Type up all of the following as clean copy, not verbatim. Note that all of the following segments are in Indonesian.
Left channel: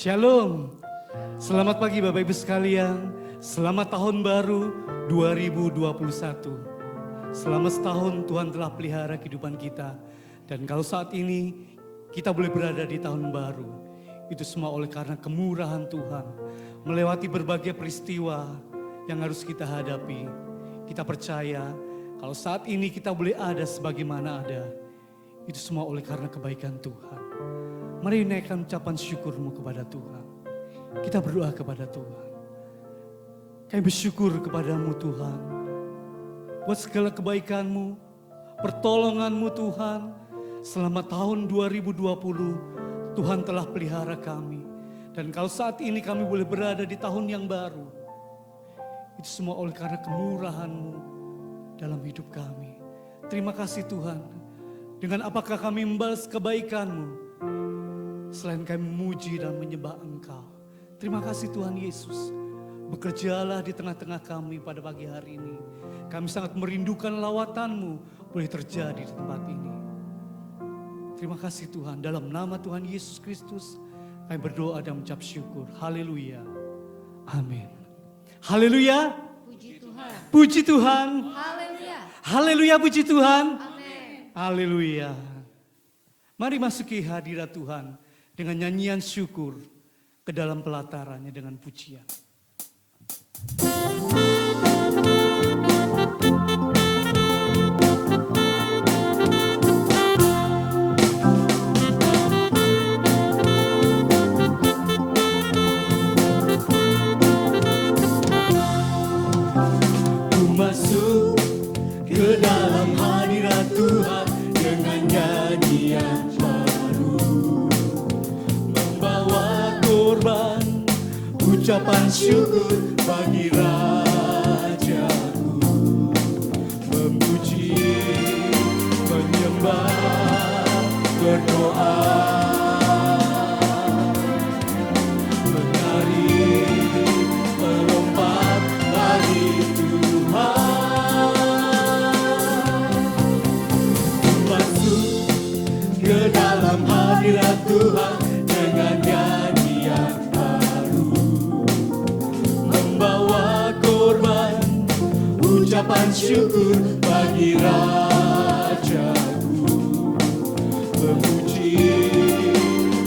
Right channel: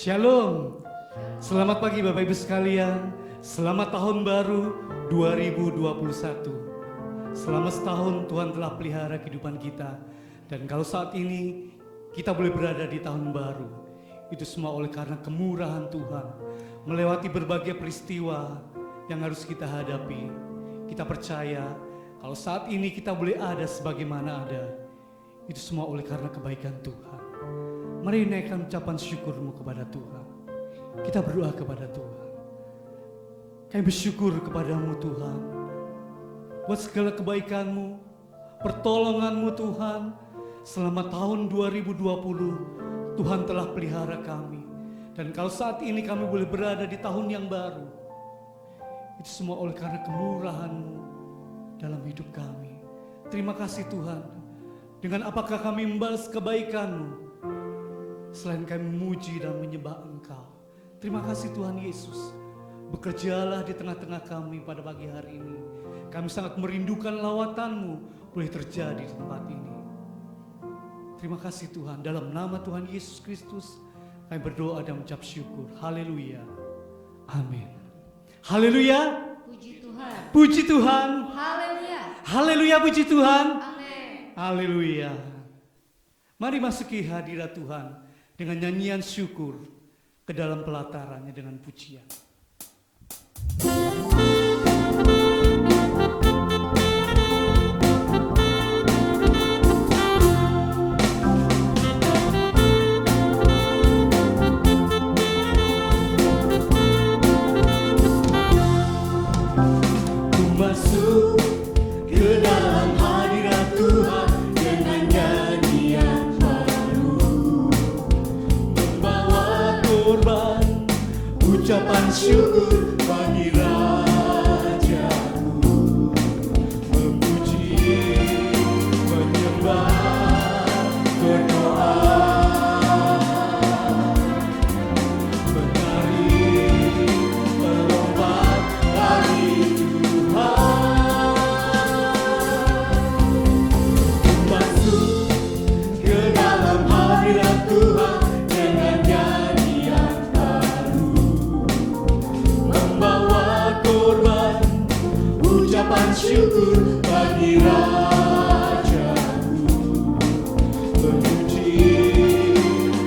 Shalom, selamat pagi Bapak Ibu sekalian, selamat tahun baru 2021. Selama setahun Tuhan telah pelihara kehidupan kita, dan kalau saat ini kita boleh berada di tahun baru, itu semua oleh karena kemurahan Tuhan. Melewati berbagai peristiwa yang harus kita hadapi, kita percaya kalau saat ini kita boleh ada sebagaimana ada, itu semua oleh karena kebaikan Tuhan. Mari naikkan ucapan syukurmu kepada Tuhan. Kita berdoa kepada Tuhan. Kami bersyukur kepadamu Tuhan, buat segala kebaikanmu, pertolonganmu Tuhan. Selama tahun 2020, Tuhan telah pelihara kami. Dan kalau saat ini kami boleh berada di tahun yang baru, itu semua oleh karena kemurahan-Mu dalam hidup kami. Terima kasih Tuhan. Dengan apakah kami membalas kebaikan-Mu selain kami memuji dan menyembah Engkau. Terima kasih Tuhan Yesus. Bekerjalah di tengah-tengah kami pada pagi hari ini. Kami sangat merindukan lawatan-Mu boleh terjadi di tempat ini. Terima kasih Tuhan. Dalam nama Tuhan Yesus Kristus kami berdoa dan mengucap syukur. Haleluya. Amin. Haleluya. Puji Tuhan. Puji Tuhan. Haleluya. Haleluya, puji Tuhan. Amin. Haleluya. Mari masuki hadirat Tuhan dengan nyanyian syukur ke dalam pelatarannya dengan pujian. Ku masuk ke dalam hadirat Tuhan dengan nyanyian ucapan syukur bagi Rajaku, memuji, menyembah, berdoa, menari, melompat bagi Tuhan. Masuk ke dalam hadirat Tuhan dengan nyanyian bawa korban, ucapan syukur bagi Rajaku, memuji,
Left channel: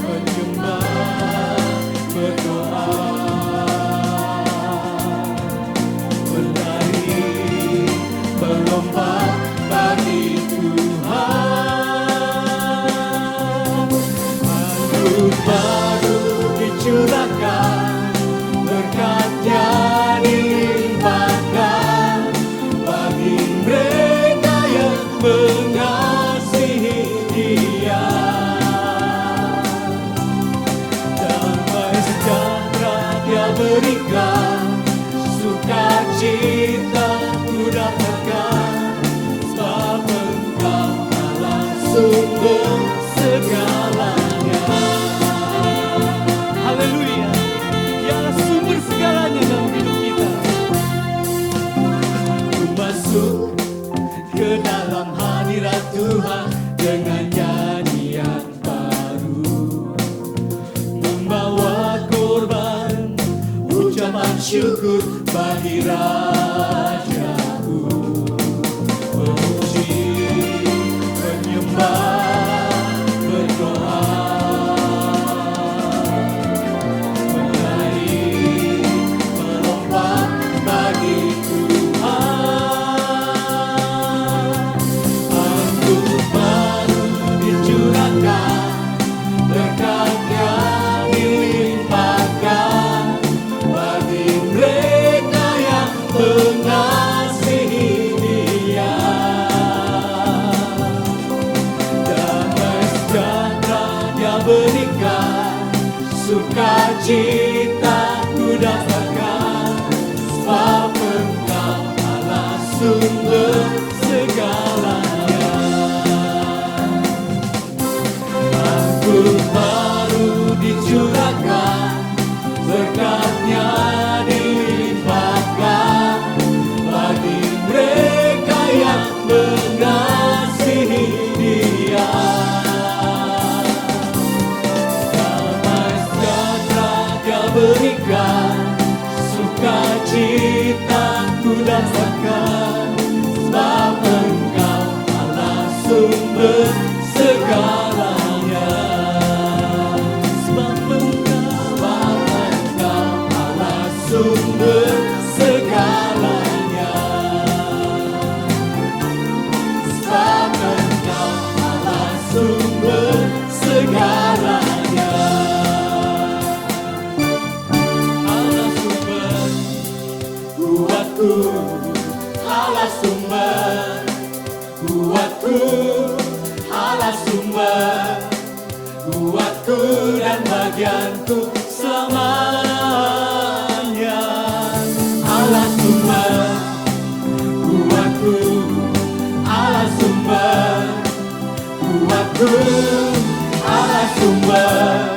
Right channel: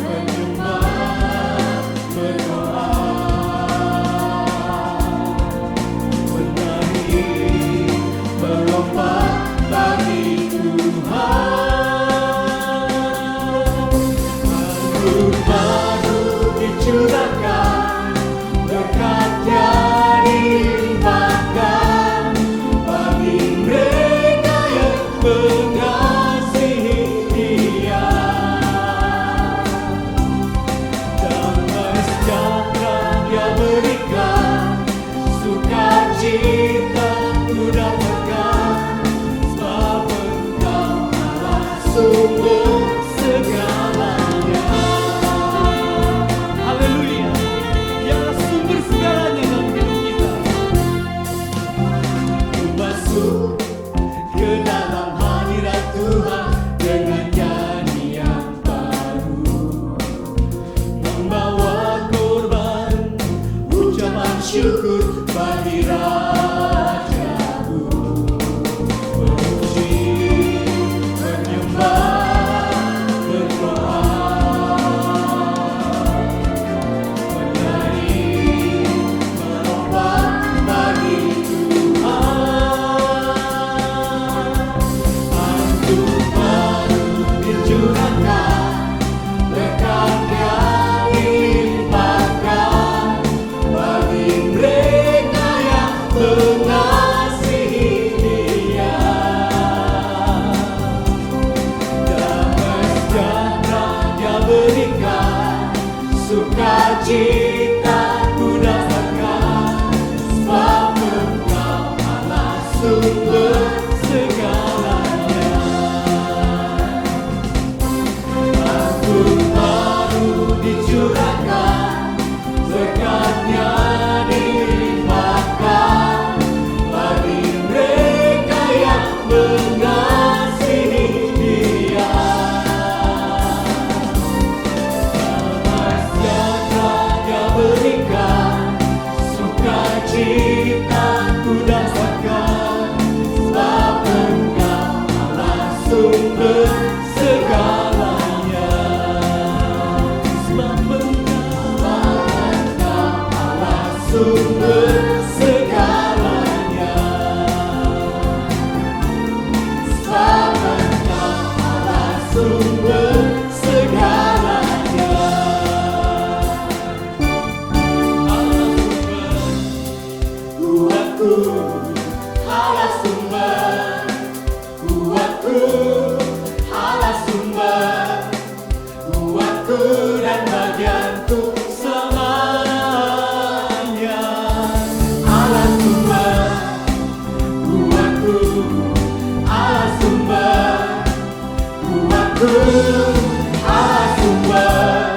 menyembah, berdoa, menari, melompat bagi Tuhan. Anggur baru dicurahkan, berkat-Nya dilimpahkan bagi mereka yang mengasihi Dia. Damai sejahtera Dia berikan, sukacita Ku datangkan, sebab Engkau Allah sumber segalanya. Haleluya. Dialah sumber segalanya dalam hidup kita. Masuk ke dalam hadirat Tuhan dengan nyanyian baru, membawa korban, ucapan syukur bagi Rajaku, memuji, menyembah, berdoa, menari, melompat bagi anggur baru dicurahkan, berkat-Nya dilimpahkan bagi mereka yang mengasihi Dia. Damai sejahtera Dia berikan, sukacita Ku datangkan, sebab Engkau Allah sumber segalanya. Anggur baru dicurahkan, berkat-Nya dilimpahkan bagi mereka yang mengasihi Dia. Damai sejahtera berikan sukacitaku dan sangkan, sebab Engkau Allah sumber segalanya. Sebab Engkau Allah sumber segalanya. Sebab Engkau Allah sumber segalanya. Allah sumber kuatku, Allah sumber kuatku, Allah sumber kuatku dan bagianku selamanya. Allah sumber kuatku, Allah sumber kuatku, Allah sumber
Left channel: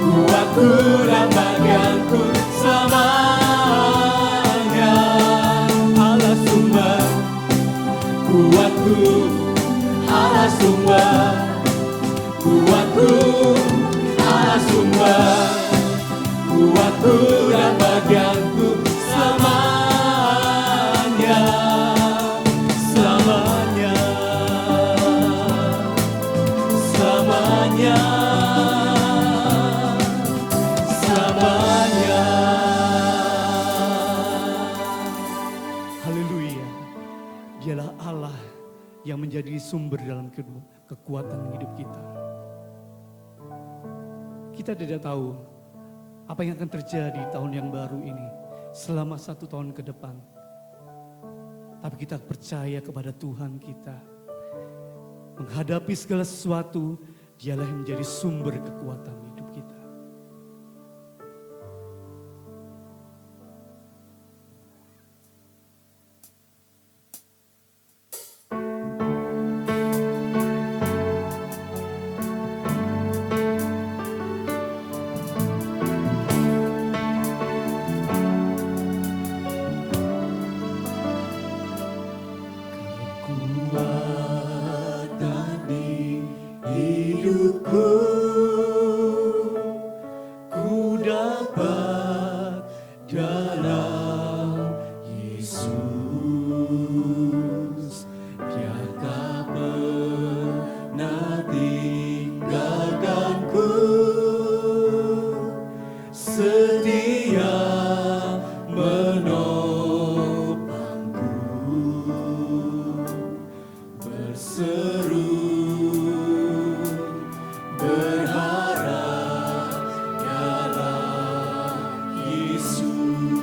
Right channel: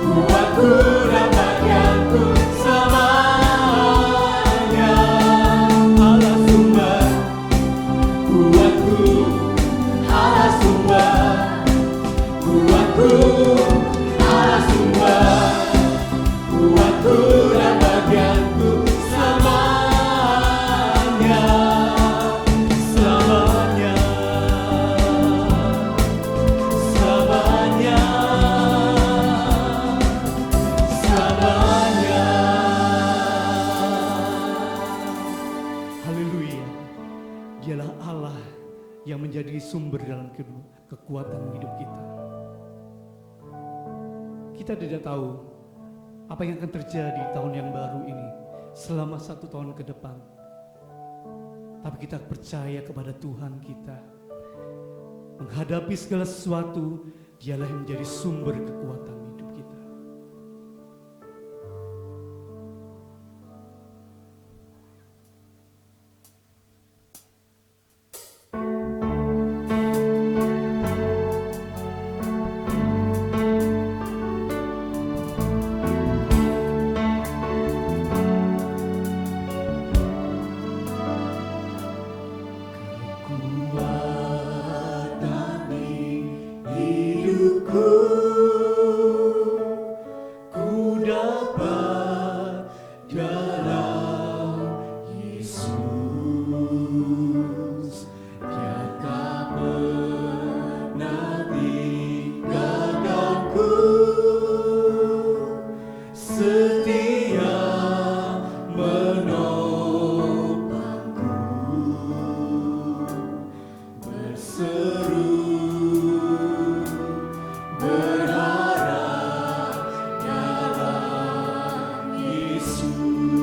kuatku dan bagianku selamanya. Allah sumber kuatku, Allah sumber kuatku, Allah sumber kuatku dan bagianku selamanya. Selamanya, selamanya, selamanya. Haleluya. Dialah Allah yang menjadi sumber dalam kekuatan hidup kita. Kita tidak tahu apa yang akan terjadi di tahun yang baru ini selama 1 tahun ke depan. Tapi kita percaya kepada Tuhan kita. Menghadapi segala sesuatu, Dialah yang menjadi sumber kekuatan hidup kita. Kekuatan di hidupku, ku dapat dalam Yesus. Dia tak pernah tinggalkanku, setia menopangku, berseru berharap dalam Yesus.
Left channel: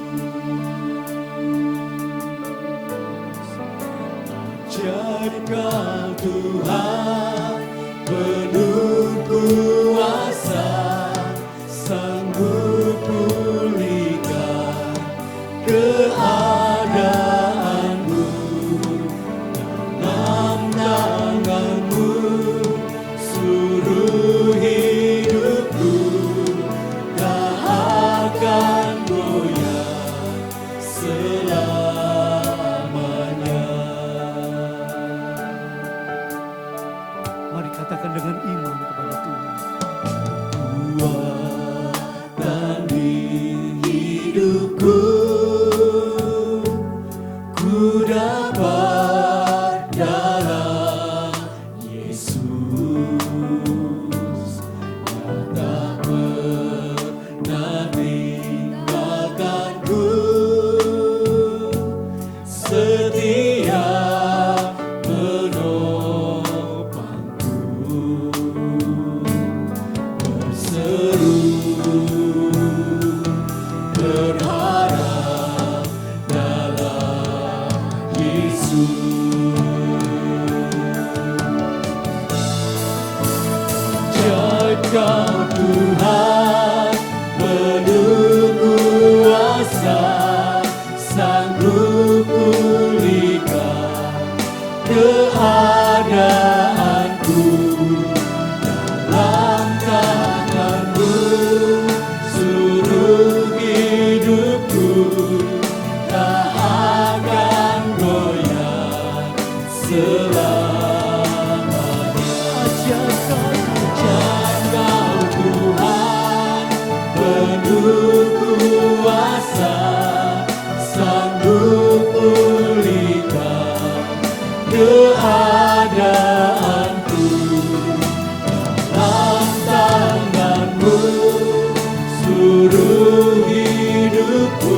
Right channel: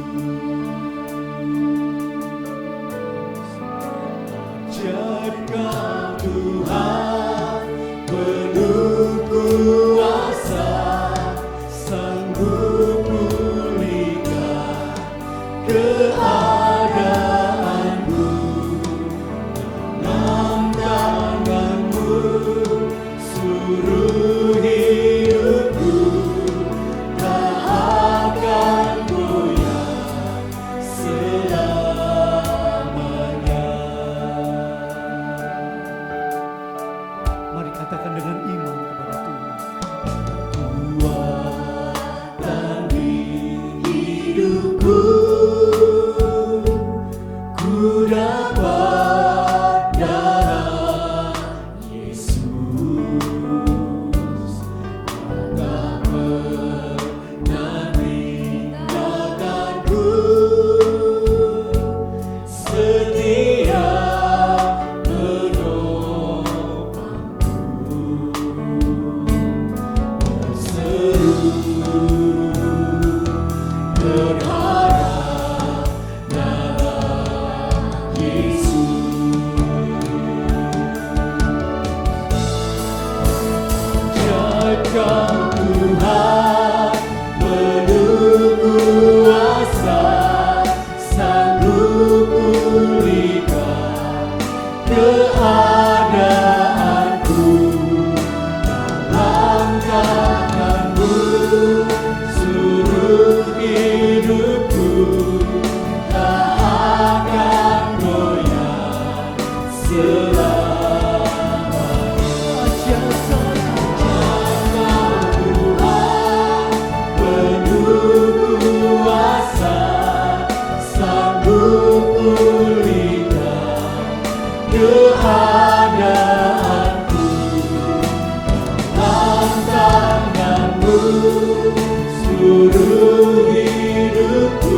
seluruh hidupku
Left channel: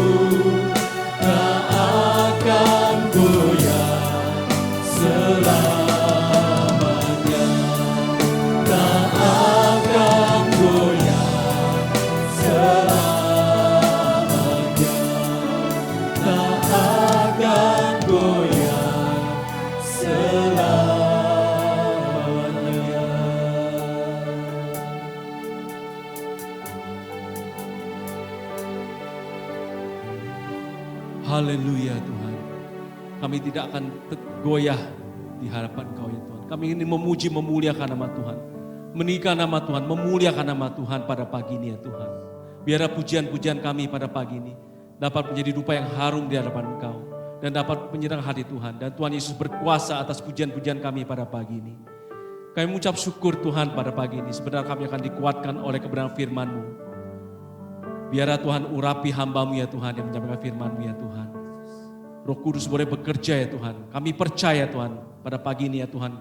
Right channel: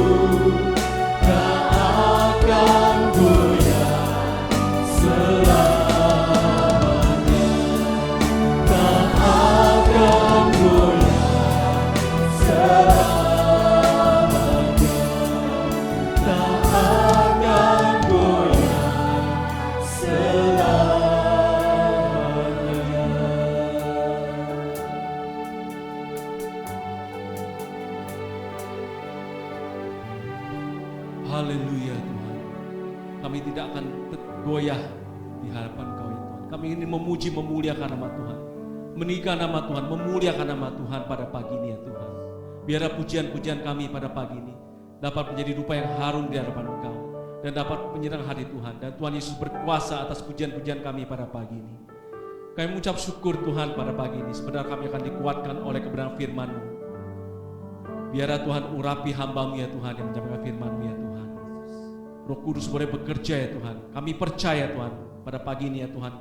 tak akan goyah selamanya, tak akan goyah selamanya, tak akan goyah selamanya. Haleluya Tuhan. Kami tidak akan goyah di hadapan Kau ya Tuhan. Kami ingin memuji memuliakan nama Tuhan. Meninggikan nama Tuhan, memuliakan nama Tuhan pada pagi ini ya Tuhan. Biarlah pujian-pujian kami pada pagi ini dapat menjadi rupa yang harum di hadapan Engkau. Dan dapat menyerang hati Tuhan. Dan Tuhan Yesus berkuasa atas pujian-pujian kami pada pagi ini. Kami mengucap syukur Tuhan pada pagi ini. Sebenarnya kami akan dikuatkan oleh kebenaran firman-Mu. Biarlah Tuhan urapi hamba-Mu ya Tuhan yang menyampaikan firman-Mu ya Tuhan. Roh Kudus boleh bekerja ya Tuhan. Kami percaya Tuhan pada pagi ini ya Tuhan.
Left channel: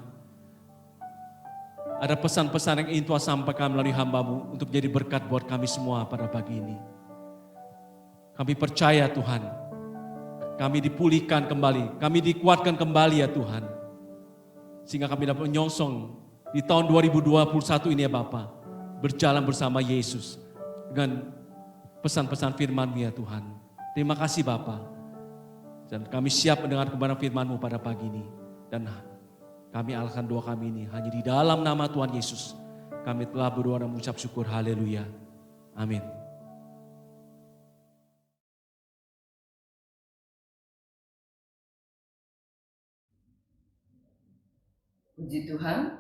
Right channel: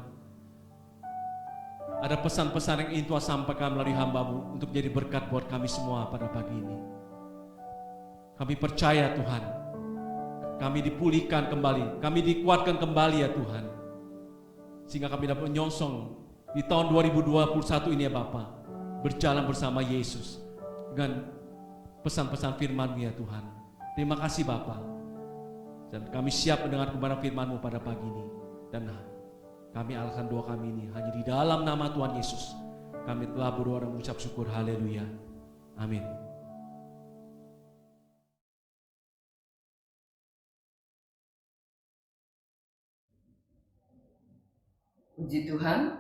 Ada pesan-pesan yang ingin Tuhan sampaikan melalui hamba-Mu untuk menjadi berkat buat kami semua pada pagi ini. Kami percaya Tuhan. Kami dipulihkan kembali. Kami dikuatkan kembali ya Tuhan. Sehingga kami dapat menyongsong di tahun 2021 ini ya Bapa. Berjalan bersama Yesus. Dengan pesan-pesan firman-Mu ya Tuhan. Terima kasih Bapa. Dan kami siap mendengar kebenaran firman-Mu pada pagi ini. Dan kami alahkan doa kami ini hanya di dalam nama Tuhan Yesus. Kami telah berdoa dan mengucap syukur. Haleluya. Amin. Puji Tuhan,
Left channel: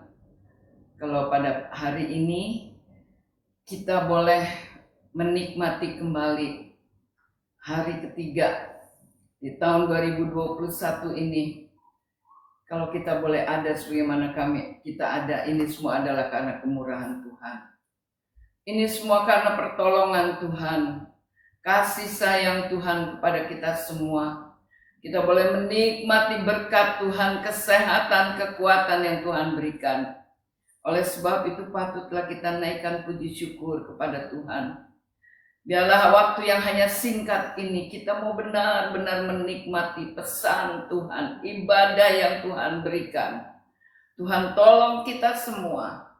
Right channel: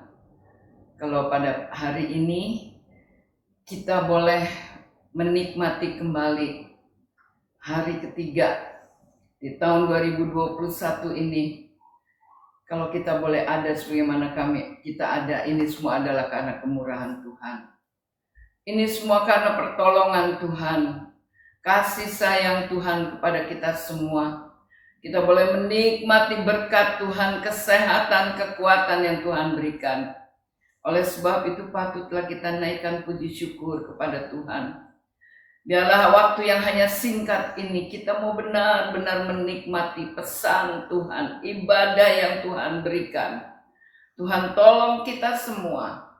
kalau pada hari ini kita boleh menikmati kembali hari ketiga di tahun 2021 ini. Kalau kita boleh ada sebagaimana kita ada, ini semua adalah karena kemurahan Tuhan. Ini semua karena pertolongan Tuhan, kasih sayang Tuhan kepada kita semua. Kita boleh menikmati berkat Tuhan, kesehatan, kekuatan yang Tuhan berikan. Oleh sebab itu patutlah kita naikkan puji syukur kepada Tuhan. Biarlah waktu yang hanya singkat ini kita mau benar-benar menikmati pesan Tuhan, ibadah yang Tuhan berikan. Tuhan tolong kita semua.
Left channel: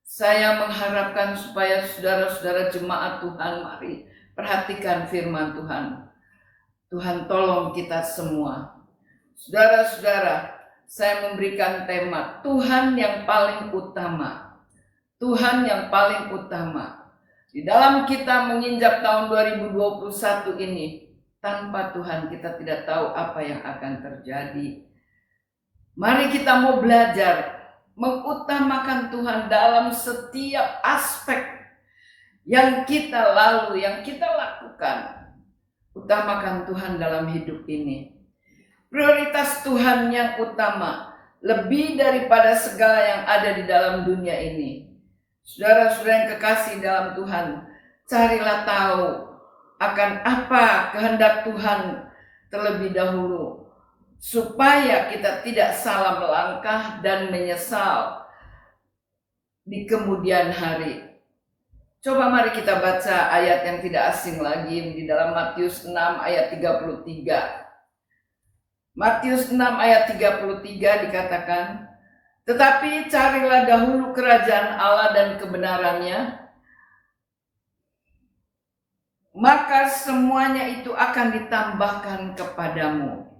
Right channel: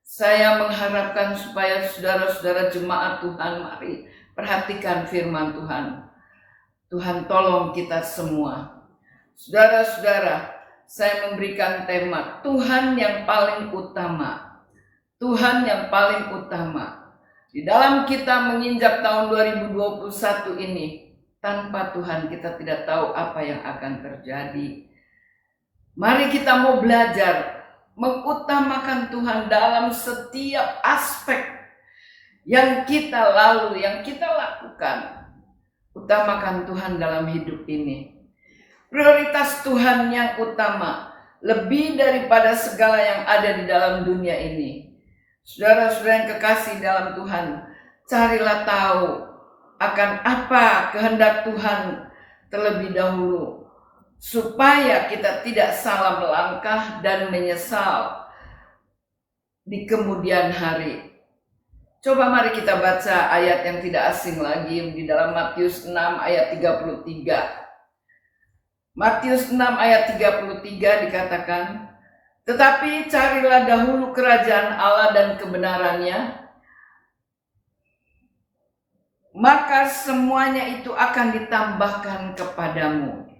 Saya mengharapkan supaya saudara-saudara jemaat Tuhan, mari perhatikan firman Tuhan. Tuhan tolong kita semua. Saudara-saudara, saya memberikan tema Tuhan yang paling utama. Tuhan yang paling utama. Di dalam kita menginjak tahun 2021 ini, tanpa Tuhan kita tidak tahu apa yang akan terjadi. Mari kita mau belajar mengutamakan Tuhan dalam setiap aspek yang kita lalui, yang kita lakukan. Utamakan Tuhan dalam hidup ini. Prioritas Tuhan yang utama lebih daripada segala yang ada di dalam dunia ini. Saudara-saudara yang kekasih dalam Tuhan, carilah tahu akan apa kehendak Tuhan terlebih dahulu, supaya kita tidak salah melangkah dan menyesal di kemudian hari. Coba mari kita baca ayat yang tidak asing lagi di dalam Matius 6 ayat 33. Matius 6 ayat 33 dikatakan, tetapi carilah dahulu kerajaan Allah dan kebenarannya, maka semuanya itu akan ditambahkan kepadamu.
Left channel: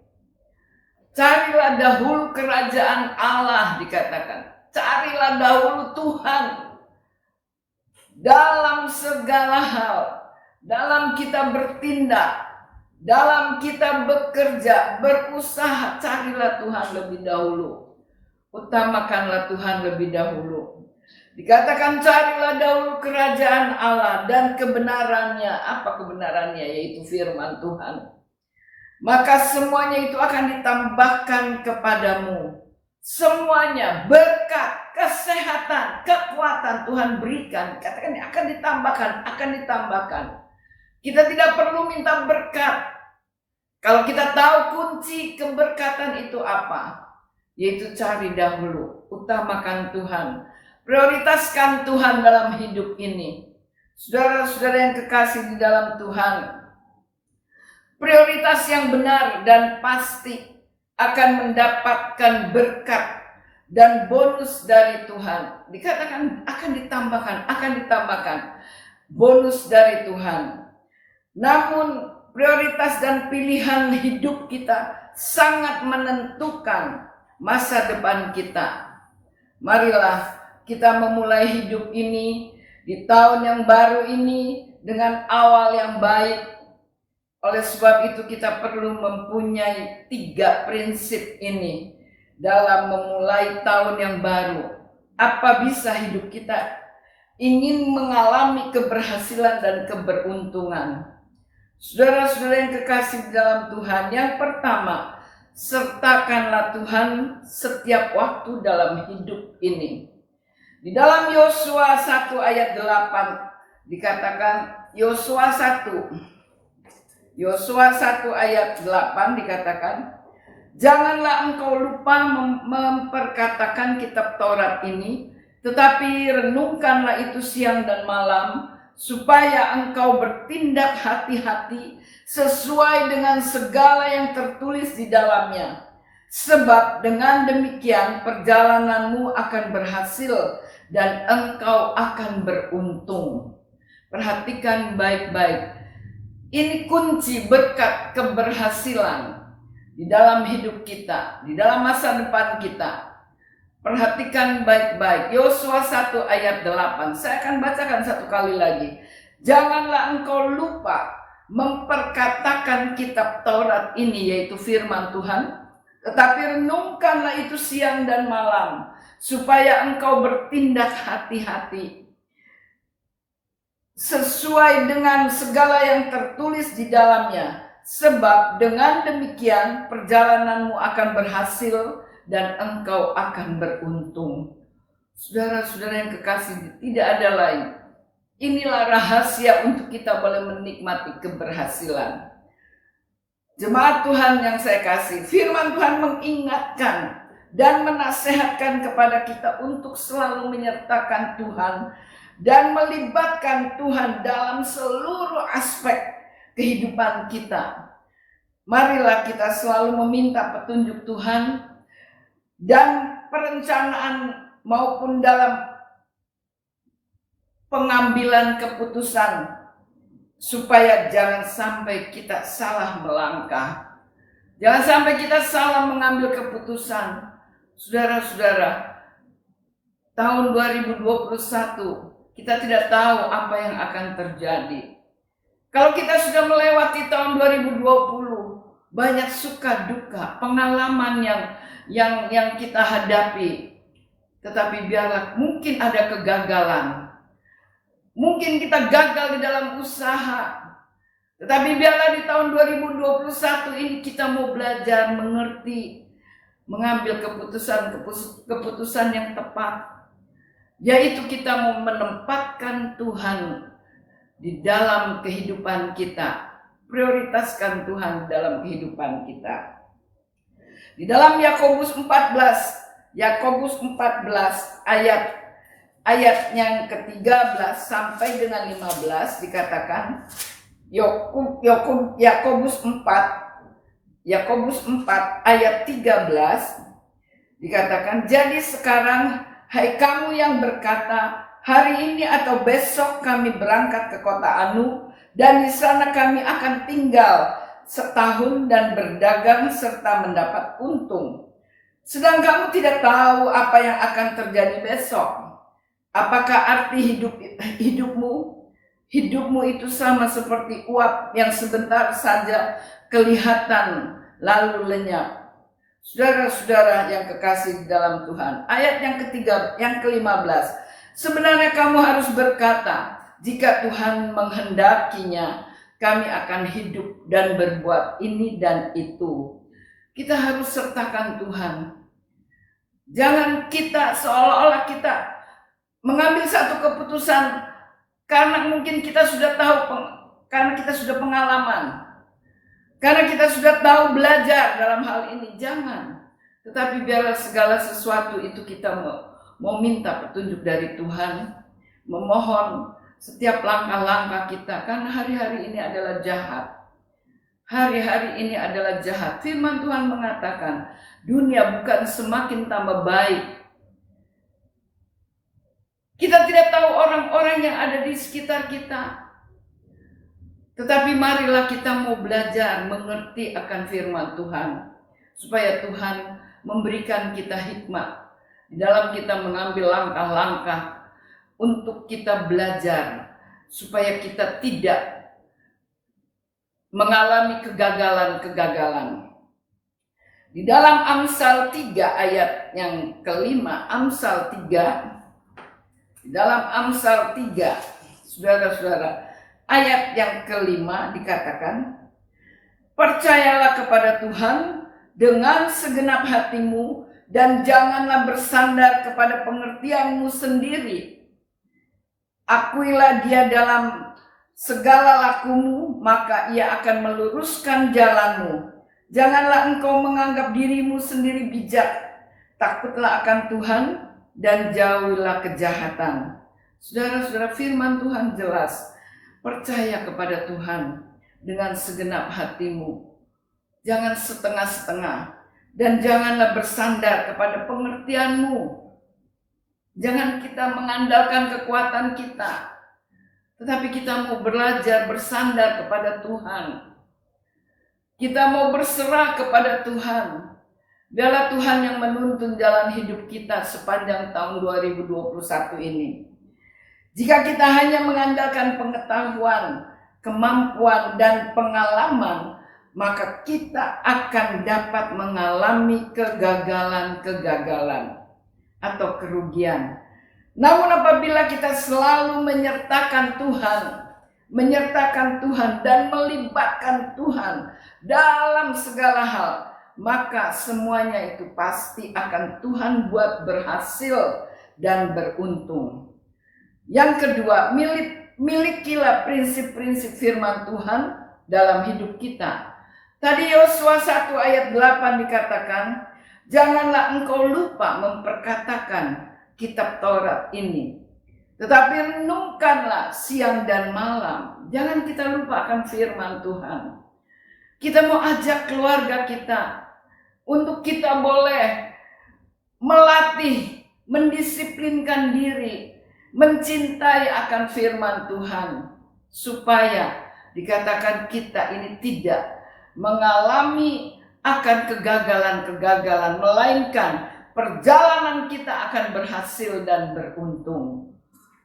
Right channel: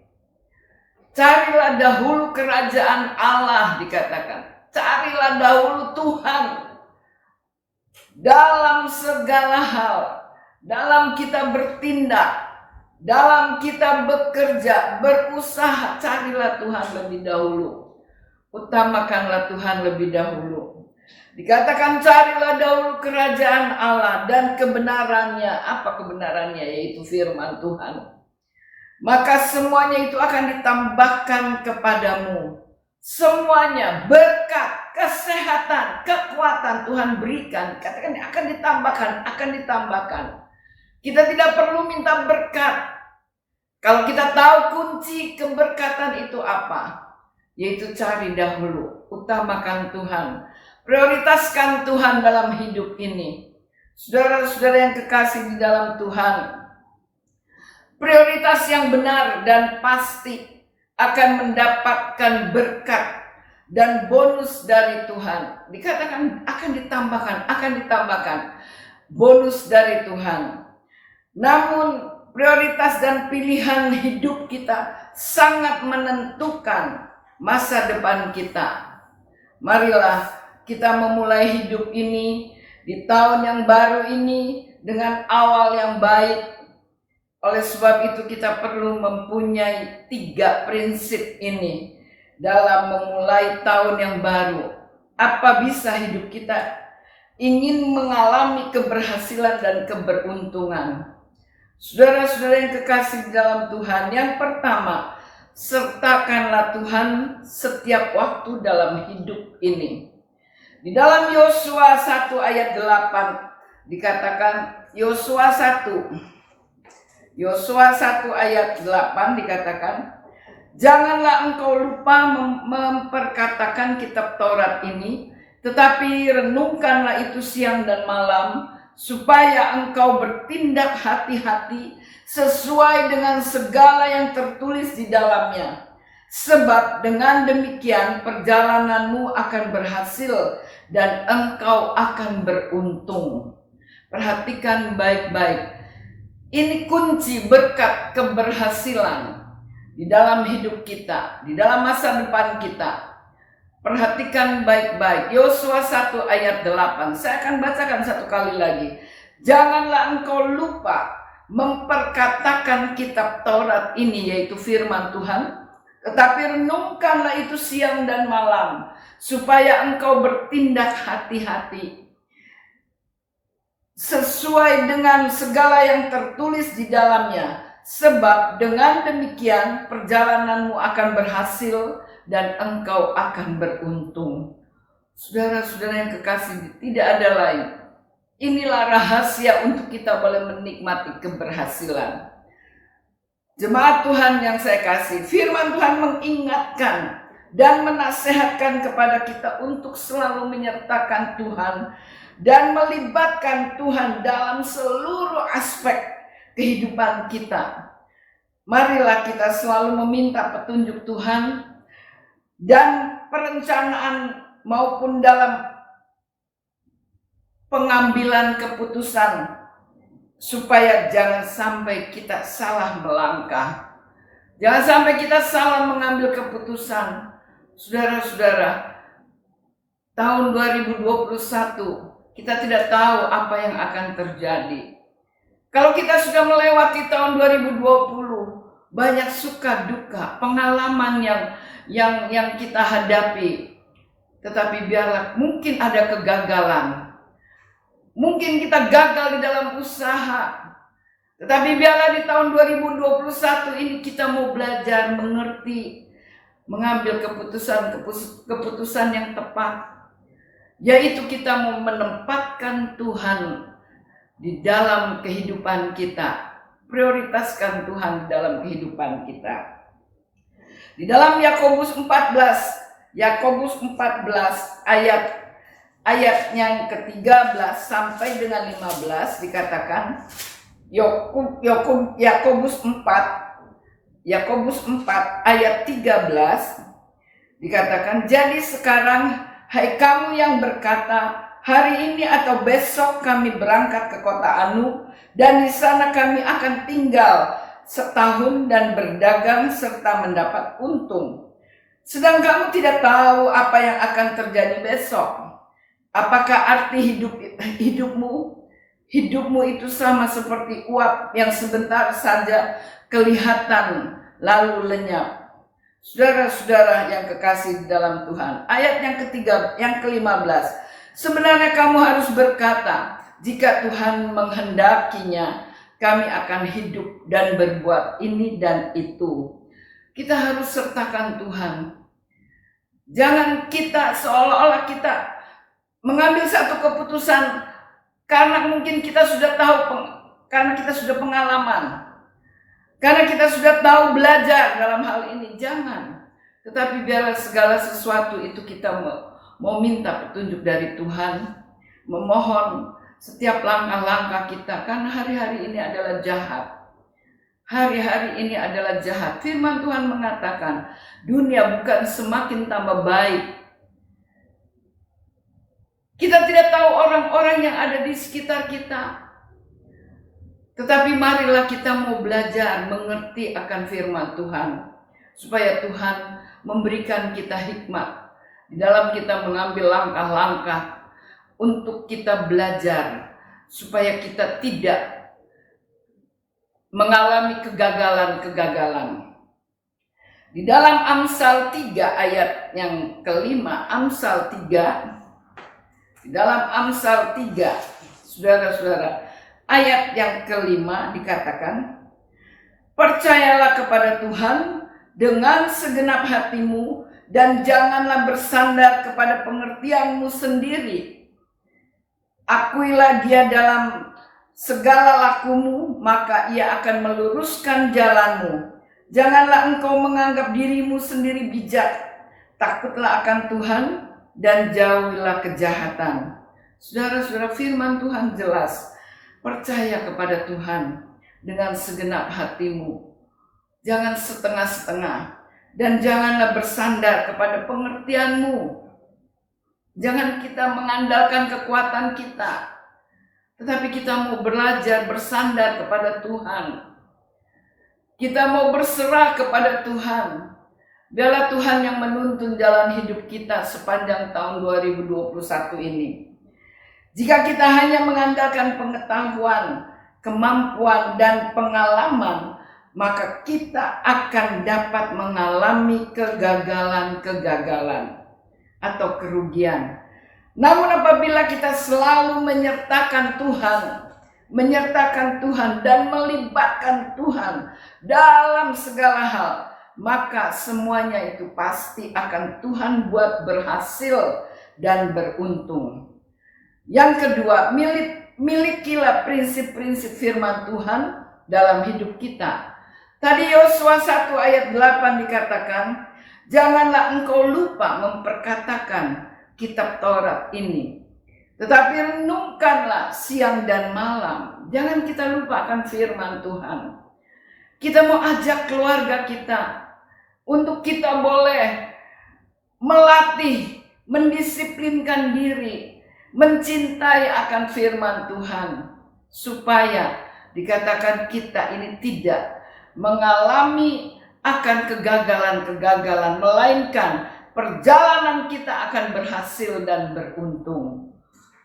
Carilah dahulu kerajaan Allah dikatakan. Carilah dahulu Tuhan dalam segala hal, dalam kita bertindak, dalam kita bekerja, berusaha, carilah Tuhan lebih dahulu. Utamakanlah Tuhan lebih dahulu. Dikatakan carilah dahulu kerajaan Allah dan kebenarannya. Apa kebenarannya? Yaitu firman Tuhan. Maka semuanya itu akan ditambahkan kepadamu. Semuanya, berkat, kesehatan, kekuatan Tuhan berikan. Katakan akan ditambahkan. Kita tidak perlu minta berkat. Kalau kita tahu kunci keberkatan itu apa? Yaitu cari dahulu, utamakan Tuhan, prioritaskan Tuhan dalam hidup ini. Saudara-saudara yang kekasih di dalam Tuhan, prioritas yang benar dan pasti akan mendapatkan berkat dan bonus dari Tuhan. Dikatakan akan ditambahkan bonus dari Tuhan. Namun prioritas dan pilihan hidup kita sangat menentukan masa depan kita. Marilah kita memulai hidup ini di tahun yang baru ini dengan awal yang baik. Oleh sebab itu kita perlu mempunyai 3 prinsip ini dalam memulai tahun yang baru. Apa bisa hidup kita ingin mengalami keberhasilan dan keberuntungan? Saudara-saudara yang kekasih di dalam Tuhan, yang pertama, sertakanlah Tuhan setiap waktu dalam hidup ini. Di dalam Yosua 1 ayat 8 dikatakan, Yosua 1 ayat 8 dikatakan, janganlah engkau lupa memperkatakan kitab Taurat ini, tetapi renungkanlah itu siang dan malam, supaya engkau bertindak hati-hati sesuai dengan segala yang tertulis di dalamnya. Sebab dengan demikian perjalananmu akan berhasil dan engkau akan beruntung. Perhatikan baik-baik. Ini kunci berkat keberhasilan di dalam hidup kita, di dalam masa depan kita. Perhatikan baik-baik. Yosua 1 ayat 8. Saya akan bacakan satu kali lagi. Janganlah engkau lupa memperkatakan kitab Taurat ini, yaitu firman Tuhan, tetapi renungkanlah itu siang dan malam, supaya engkau bertindak hati-hati sesuai dengan segala yang tertulis di dalamnya, sebab dengan demikian perjalananmu akan berhasil dan engkau akan beruntung. Saudara-saudara yang kekasih, tidak ada lain. Inilah rahasia untuk kita boleh menikmati keberhasilan. Jemaat Tuhan yang saya kasih, firman Tuhan mengingatkan dan menasehatkan kepada kita untuk selalu menyertakan Tuhan dan melibatkan Tuhan dalam seluruh aspek kehidupan kita. Marilah kita selalu meminta petunjuk Tuhan dan perencanaan maupun dalam pengambilan keputusan, supaya jangan sampai kita salah melangkah. Jangan sampai kita salah mengambil keputusan. Saudara-saudara, tahun 2021 kita tidak tahu apa yang akan terjadi. Kalau kita sudah melewati tahun 2020, banyak suka duka, pengalaman yang kita hadapi. Tetapi biarlah mungkin ada kegagalan. Mungkin kita gagal di dalam usaha. Tetapi biarlah di tahun 2021 ini kita mau belajar mengerti, mengambil keputusan yang tepat. Yaitu kita mau menempatkan Tuhan di dalam kehidupan kita. Prioritaskan Tuhan di dalam kehidupan kita. Di dalam Yakobus 14 ayat yang ke-13 sampai dengan 15 dikatakan, Yakobus 4 ayat 13 dikatakan, jadi sekarang hai kamu yang berkata, hari ini atau besok kami berangkat ke kota Anu, dan di sana kami akan tinggal setahun dan berdagang serta mendapat untung. Sedang kamu tidak tahu apa yang akan terjadi besok. Apakah arti hidupmu? Hidupmu itu sama seperti uap yang sebentar saja kelihatan lalu lenyap. Saudara-saudara yang kekasih di dalam Tuhan, ayat yang ke-15. Sebenarnya kamu harus berkata, jika Tuhan menghendakinya, kami akan hidup dan berbuat ini dan itu. Kita harus sertakan Tuhan. Jangan kita seolah-olah kita mengambil satu keputusan karena mungkin kita sudah tahu, karena kita sudah pengalaman. Karena kita sudah tahu belajar dalam hal ini, jangan. Tetapi biarlah segala sesuatu itu kita mau minta petunjuk dari Tuhan, memohon setiap langkah-langkah kita, karena hari-hari ini adalah jahat. Hari-hari ini adalah jahat. Firman Tuhan mengatakan, dunia bukan semakin tambah baik. Kita tidak tahu orang-orang yang ada di sekitar kita. Tetapi marilah kita mau belajar mengerti akan firman Tuhan. Supaya Tuhan memberikan kita hikmat di dalam kita mengambil langkah-langkah untuk kita belajar. Supaya kita tidak mengalami kegagalan-kegagalan. Di dalam Amsal 3 ayat yang kelima, Amsal 3, di dalam Amsal 3, saudara-saudara, ayat yang kelima dikatakan, percayalah kepada Tuhan dengan segenap hatimu dan janganlah bersandar kepada pengertianmu sendiri. Akuilah dia dalam segala lakumu, maka ia akan meluruskan jalanmu. Janganlah engkau menganggap dirimu sendiri bijak. Takutlah akan Tuhan dan jauhilah kejahatan. Saudara-saudara, firman Tuhan jelas. Percaya kepada Tuhan dengan segenap hatimu. Jangan setengah-setengah. Dan janganlah bersandar kepada pengertianmu. Jangan kita mengandalkan kekuatan kita. Tetapi kita mau belajar bersandar kepada Tuhan. Kita mau berserah kepada Tuhan. Biarlah Tuhan yang menuntun jalan hidup kita sepanjang tahun 2021 ini. Jika kita hanya mengandalkan pengetahuan, kemampuan, dan pengalaman, maka kita akan dapat mengalami kegagalan-kegagalan atau kerugian. Namun apabila kita selalu menyertakan Tuhan dan melibatkan Tuhan dalam segala hal, maka semuanya itu pasti akan Tuhan buat berhasil dan beruntung. Yang kedua, milikilah prinsip-prinsip firman Tuhan dalam hidup kita. Tadi Yosua 1 ayat 8 dikatakan, janganlah engkau lupa memperkatakan kitab Taurat ini, tetapi renungkanlah siang dan malam. Jangan kita lupakan firman Tuhan. Kita mau ajak keluarga kita untuk kita boleh melatih, mendisiplinkan diri, mencintai akan firman Tuhan, supaya dikatakan kita ini tidak mengalami akan kegagalan-kegagalan, melainkan perjalanan kita akan berhasil dan beruntung.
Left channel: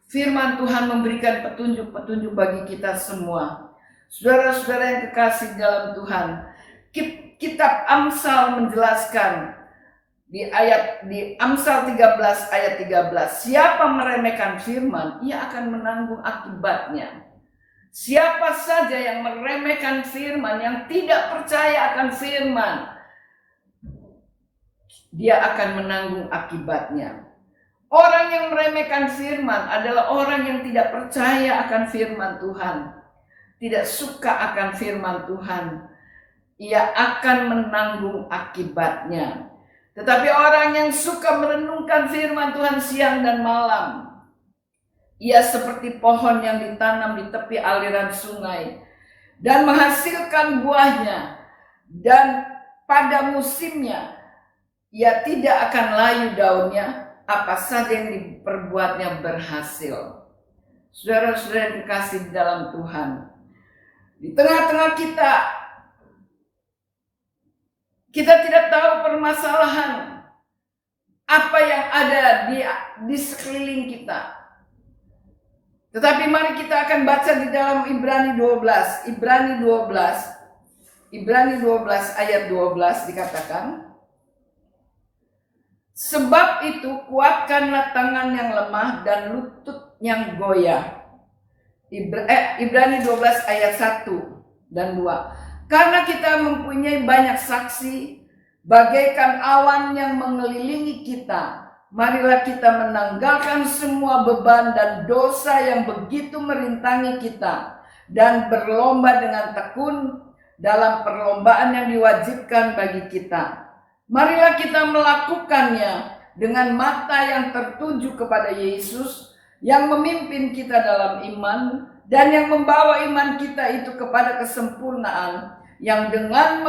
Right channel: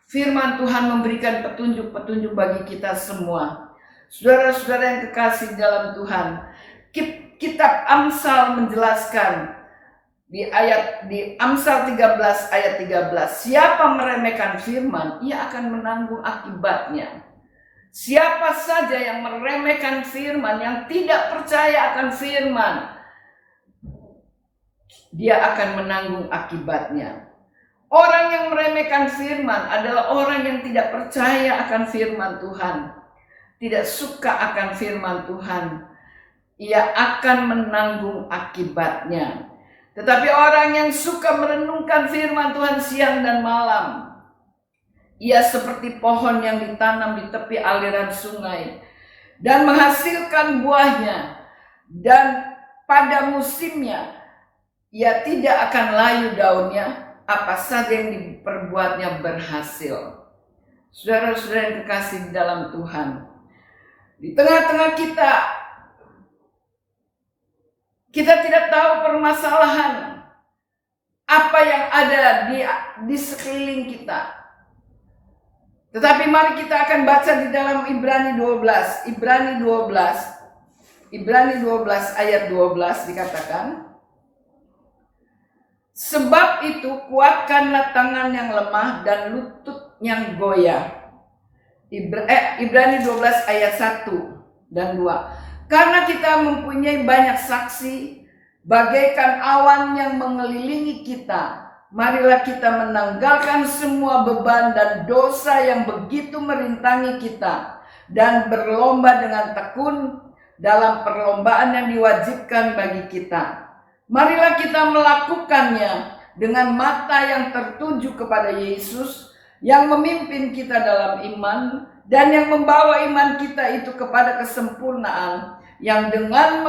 Firman Tuhan memberikan petunjuk-petunjuk bagi kita semua. Saudara-saudara yang kekasih dalam Tuhan, kitab Amsal menjelaskan di Amsal 13 ayat 13, siapa meremehkan firman, ia akan menanggung akibatnya. Siapa saja yang meremehkan firman, yang tidak percaya akan firman, dia akan menanggung akibatnya. Orang yang meremehkan firman adalah orang yang tidak percaya akan firman Tuhan, tidak suka akan firman Tuhan. Ia akan menanggung akibatnya. Tetapi orang yang suka merenungkan firman Tuhan siang dan malam, ia seperti pohon yang ditanam di tepi aliran sungai dan menghasilkan buahnya, dan pada musimnya ia tidak akan layu daunnya, apa saja yang diperbuatnya berhasil. Saudara-saudara yang kekasih di dalam Tuhan, di tengah-tengah kita tidak tahu permasalahan apa yang ada di sekeliling kita. Tetapi mari kita akan baca di dalam Ibrani 12 ayat 12 dikatakan, sebab itu kuatkanlah tangan yang lemah dan lutut yang goyah. Ibrani 12 ayat 1 dan 2. Karena kita mempunyai banyak saksi, bagaikan awan yang mengelilingi kita, marilah kita menanggalkan semua beban dan dosa yang begitu merintangi kita, dan berlomba dengan tekun dalam perlombaan yang diwajibkan bagi kita. Marilah kita melakukannya dengan mata yang tertuju kepada Yesus, yang memimpin kita dalam iman, dan yang membawa iman kita itu kepada kesempurnaan, yang dengan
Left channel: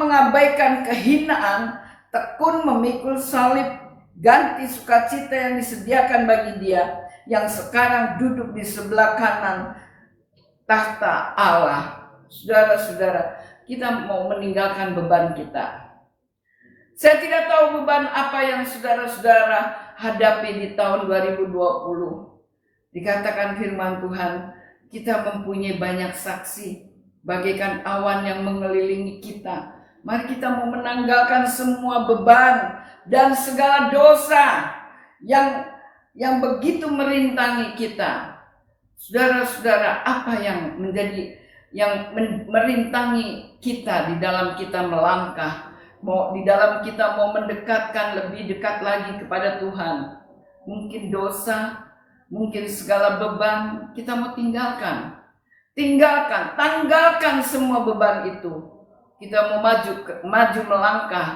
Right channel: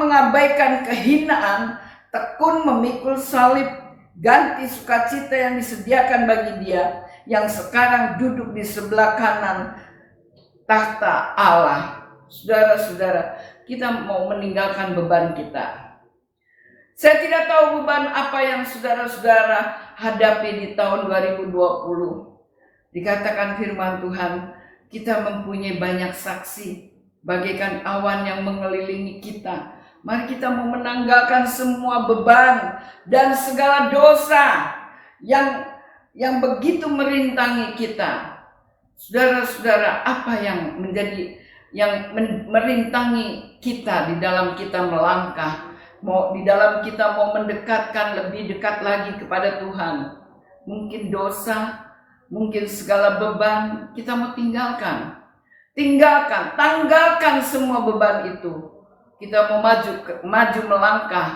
mengabaikan kehinaan, tekun memikul salib, ganti sukacita yang disediakan bagi Dia yang sekarang duduk di sebelah kanan tahta Allah. Saudara-saudara, kita mau meninggalkan beban kita. Saya tidak tahu beban apa yang saudara-saudara hadapi di tahun 2020. Dikatakan firman Tuhan, kita mempunyai banyak saksi, bagaikan awan yang mengelilingi kita. Mari kita mau menanggalkan semua beban dan segala dosa yang begitu merintangi kita. Saudara-saudara, apa yang merintangi kita di dalam kita melangkah, di dalam kita mau mendekatkan lebih dekat lagi kepada Tuhan? Mungkin dosa, mungkin segala beban kita mau tinggalkan. Tanggalkan semua beban itu. Kita mau maju melangkah.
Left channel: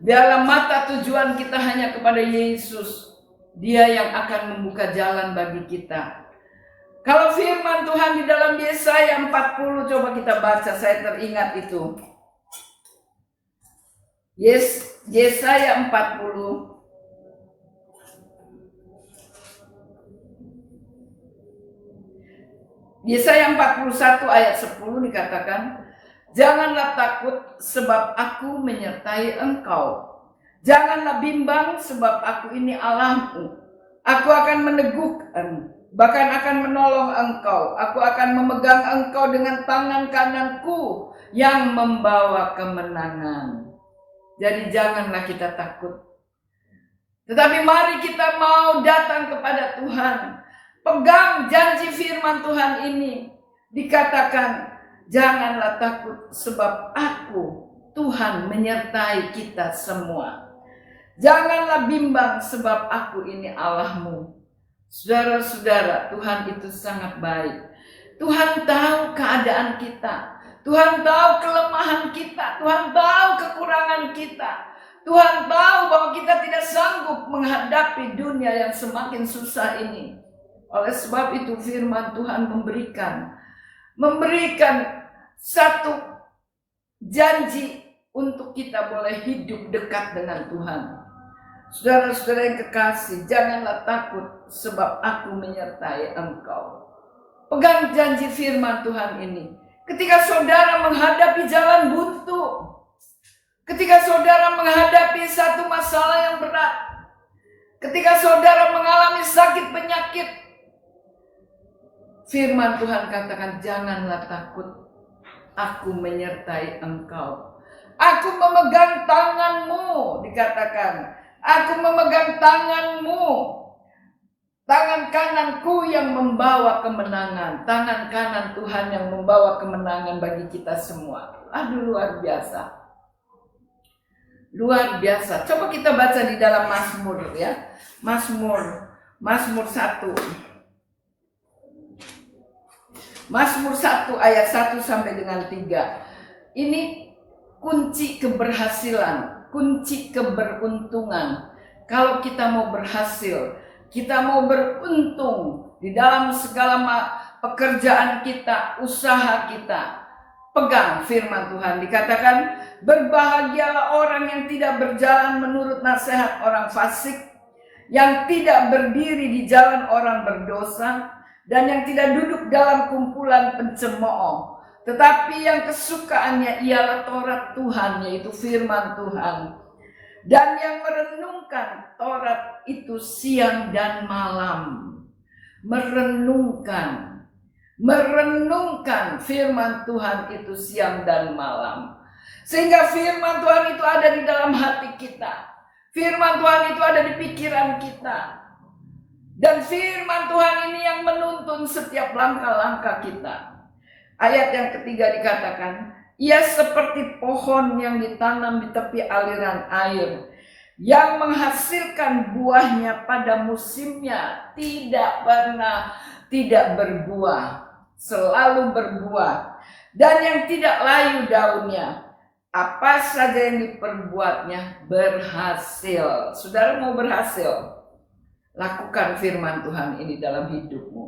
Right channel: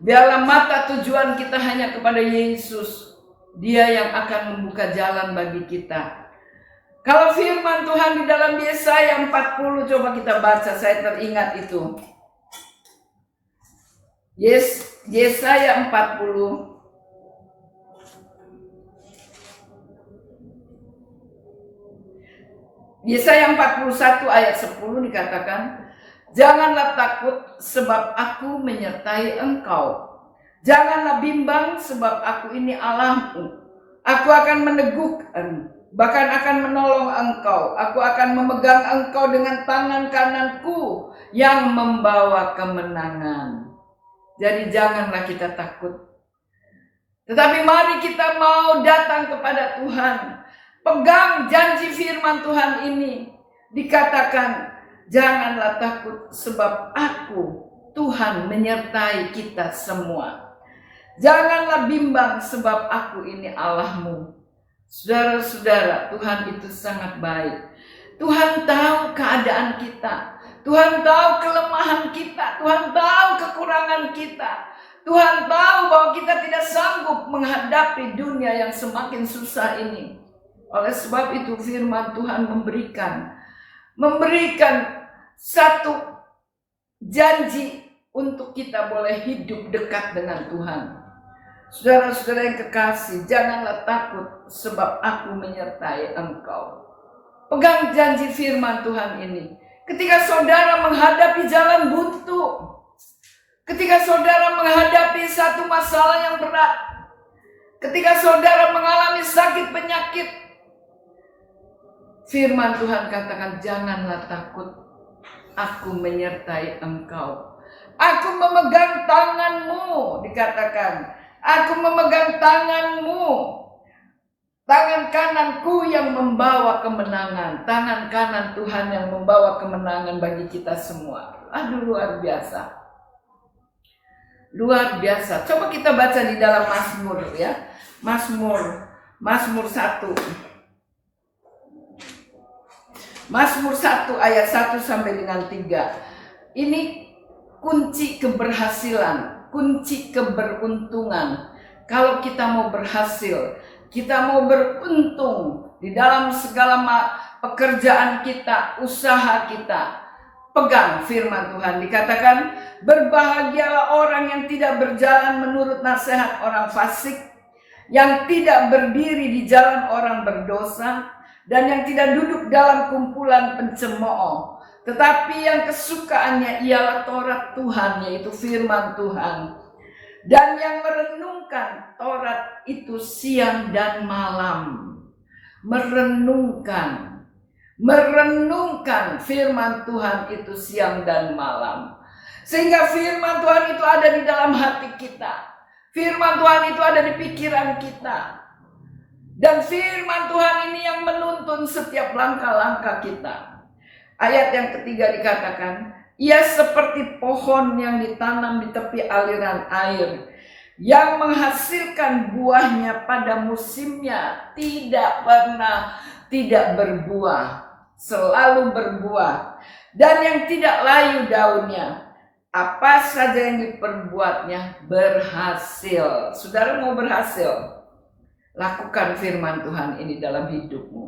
Dalam mata tujuan kita hanya kepada Yesus. Dia yang akan membuka jalan bagi kita. Kalau firman Tuhan di dalam Yesaya 40, coba kita baca, saya teringat itu. Yesaya 40. Yesaya 41 ayat 10 dikatakan, janganlah takut sebab aku menyertai engkau. Janganlah bimbang sebab aku ini Allahmu. Aku akan meneguhkan, bahkan akan menolong engkau. Aku akan memegang engkau dengan tangan kananku yang membawa kemenangan. Jadi janganlah kita takut. Tetapi mari kita mau datang kepada Tuhan. Pegang janji firman Tuhan ini. Dikatakan, janganlah takut sebab aku, Tuhan, menyertai kita semua. Janganlah bimbang sebab aku ini Allahmu. Saudara-saudara, Tuhan itu sangat baik. Tuhan tahu keadaan kita. Tuhan tahu kelemahan kita. Tuhan tahu kekurangan kita. Tuhan tahu bahwa kita tidak sanggup menghadapi dunia yang semakin susah ini. Oleh sebab itu firman Tuhan memberikan satu janji untuk kita boleh hidup dekat dengan Tuhan. Saudara-saudara yang kekasih, janganlah takut sebab aku menyertai engkau. Pegang janji firman Tuhan ini. Ketika saudara menghadapi jalan buntu, ketika saudara menghadapi satu masalah yang berat, ketika saudara mengalami sakit penyakit, firman Tuhan katakan, janganlah takut, aku menyertai engkau. Aku memegang tanganmu, dikatakan, aku memegang tanganmu. Tangan kananku yang membawa kemenangan. Tangan kanan Tuhan yang membawa kemenangan bagi kita semua. Aduh, luar biasa. Luar biasa. Coba kita baca di dalam Mazmur ya. Mazmur 1. Mazmur 1 ayat 1 sampai dengan 3. Ini kunci keberhasilan, kunci keberuntungan. Kalau kita mau berhasil, kita mau beruntung di dalam segala pekerjaan kita, usaha kita, pegang firman Tuhan. Dikatakan, berbahagialah orang yang tidak berjalan menurut nasihat orang fasik, yang tidak berdiri di jalan orang berdosa, dan yang tidak duduk dalam kumpulan pencemooh, tetapi yang kesukaannya ialah Taurat Tuhan, yaitu firman Tuhan, dan yang merenungkan Taurat itu siang dan malam. Merenungkan firman Tuhan itu siang dan malam, sehingga firman Tuhan itu ada di dalam hati kita. Firman Tuhan itu ada di pikiran kita. Dan firman Tuhan ini yang menuntun setiap langkah-langkah kita. Ayat yang ketiga dikatakan, ia seperti pohon yang ditanam di tepi aliran air, yang menghasilkan buahnya pada musimnya, tidak pernah tidak berbuah, selalu berbuah, dan yang tidak layu daunnya. Apa saja yang diperbuatnya berhasil. Saudara mau berhasil? Lakukan firman Tuhan ini dalam hidupmu.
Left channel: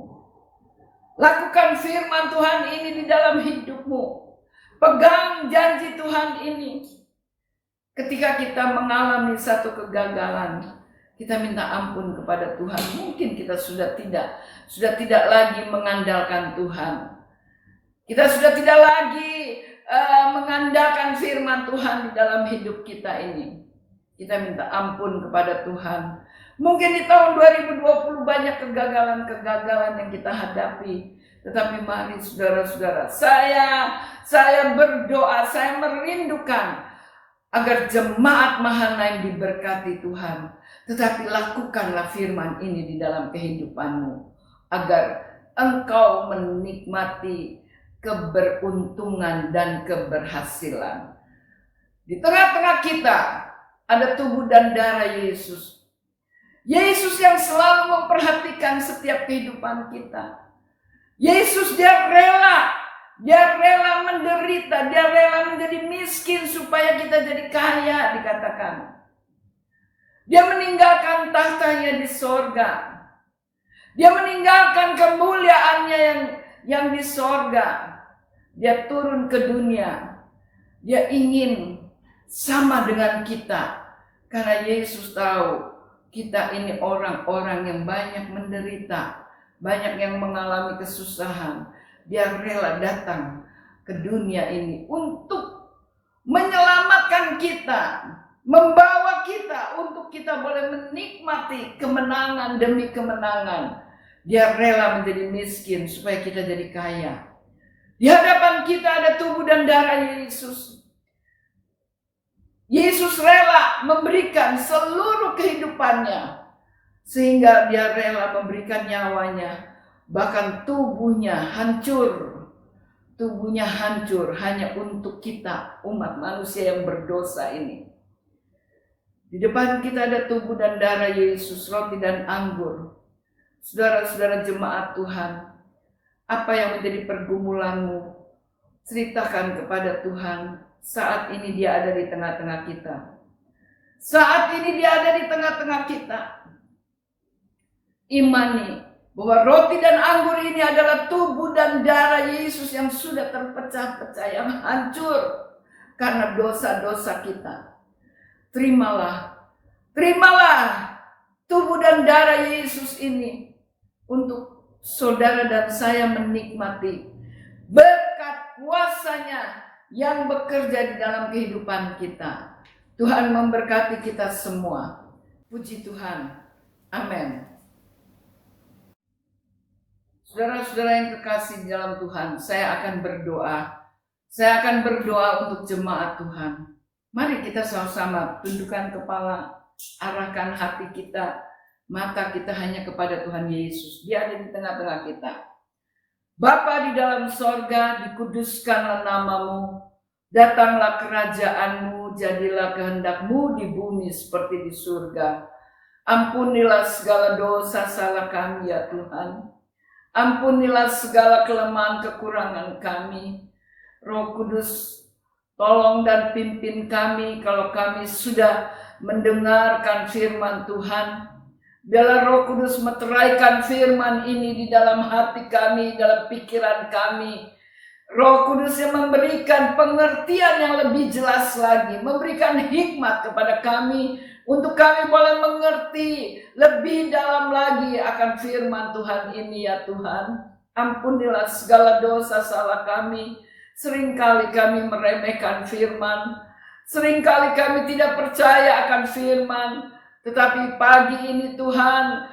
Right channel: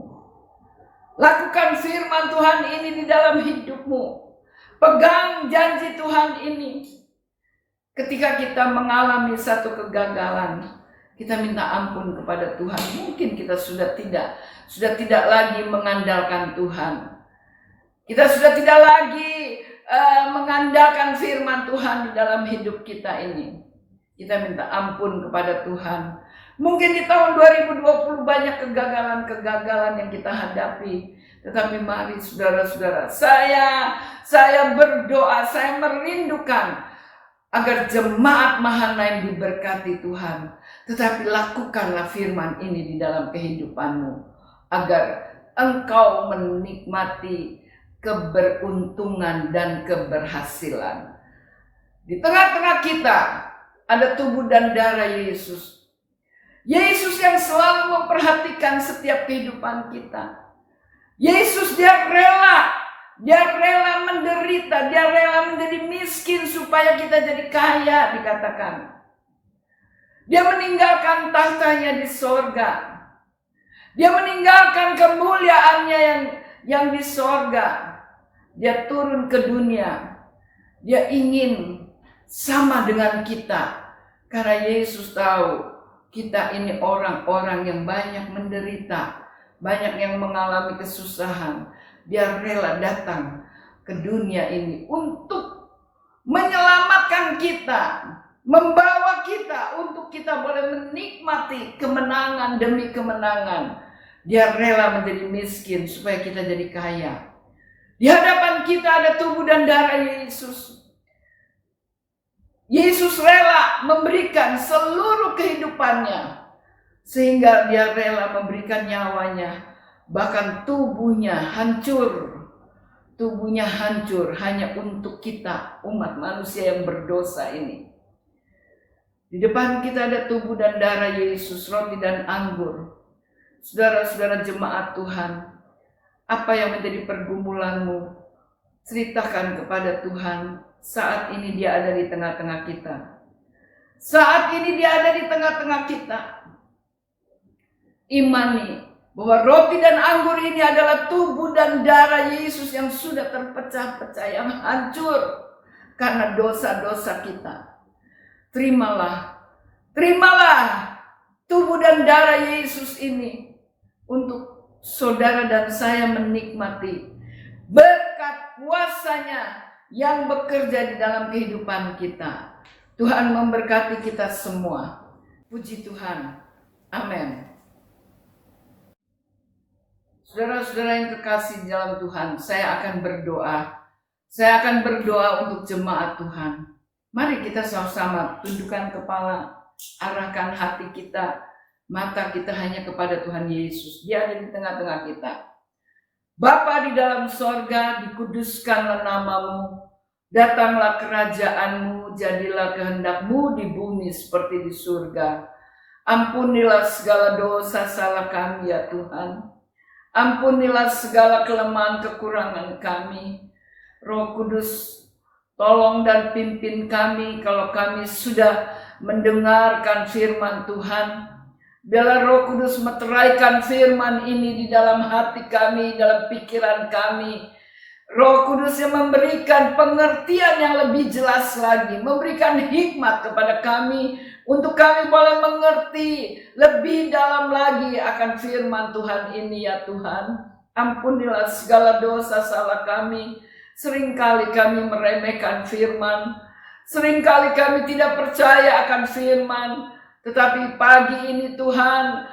Lakukan firman Tuhan ini di dalam hidupmu. Pegang janji Tuhan ini. Ketika kita mengalami satu kegagalan, kita minta ampun kepada Tuhan. Mungkin kita sudah tidak lagi mengandalkan Tuhan. Kita sudah tidak lagi mengandalkan firman Tuhan di dalam hidup kita ini. Kita minta ampun kepada Tuhan. Mungkin di tahun 2020 banyak kegagalan-kegagalan yang kita hadapi. Tetapi mari saudara-saudara, saya berdoa, saya merindukan agar jemaat Mahanaim diberkati Tuhan. Tetapi lakukanlah firman ini di dalam kehidupanmu, agar engkau menikmati keberuntungan dan keberhasilan. Di tengah-tengah kita ada tubuh dan darah Yesus. Yesus yang selalu memperhatikan setiap kehidupan kita. Yesus dia rela menderita, dia rela menjadi miskin supaya kita jadi kaya, dikatakan. Dia meninggalkan tahtanya di sorga. Dia meninggalkan kemuliaannya yang di sorga. Dia turun ke dunia. Dia ingin sama dengan kita. Karena Yesus tahu kita ini orang-orang yang banyak menderita, banyak yang mengalami kesusahan. Dia rela datang ke dunia ini untuk menyelamatkan kita, membawa kita untuk kita boleh menikmati kemenangan demi kemenangan. Dia rela menjadi miskin supaya kita jadi kaya. Di hadapan kita ada tubuh dan darah Yesus. Yesus rela memberikan seluruh kehidupannya, sehingga dia rela memberikan nyawanya. Bahkan tubuhnya hancur hanya untuk kita, umat manusia yang berdosa ini. Di depan kita ada tubuh dan darah Yesus, roti dan anggur. Saudara-saudara jemaat Tuhan, apa yang menjadi pergumulanmu, ceritakan kepada Tuhan. Saat ini dia ada di tengah-tengah kita. Saat ini dia ada di tengah-tengah kita. Imani bahwa roti dan anggur ini adalah tubuh dan darah Yesus yang sudah terpecah-pecah, yang hancur karena dosa-dosa kita. Terimalah tubuh dan darah Yesus ini untuk saudara dan saya menikmati berkat kuasanya yang bekerja di dalam kehidupan kita. Tuhan memberkati kita semua. Puji Tuhan. Amin. Saudara-saudara yang kekasih di dalam Tuhan, saya akan berdoa. Saya akan berdoa untuk jemaat Tuhan. Mari kita sama-sama tundukkan kepala, arahkan hati kita, mata kita hanya kepada Tuhan Yesus. Dia ada di tengah-tengah kita. Bapa di dalam sorga, dikuduskanlah namamu, datanglah kerajaanmu, jadilah kehendakmu di bumi seperti di surga. Ampunilah segala dosa salah kami ya Tuhan. Ampunilah segala kelemahan kekurangan kami. Roh Kudus, tolong dan pimpin kami kalau kami sudah mendengarkan firman Tuhan. Biarlah Roh Kudus meteraikan firman ini di dalam hati kami, dalam pikiran kami. Roh Kudus yang memberikan pengertian yang lebih jelas lagi, memberikan hikmat kepada kami untuk kami boleh mengerti lebih dalam lagi akan firman Tuhan ini ya Tuhan. Ampunilah segala dosa salah kami. Seringkali kami meremehkan firman, seringkali kami tidak percaya akan firman. Tetapi pagi ini Tuhan,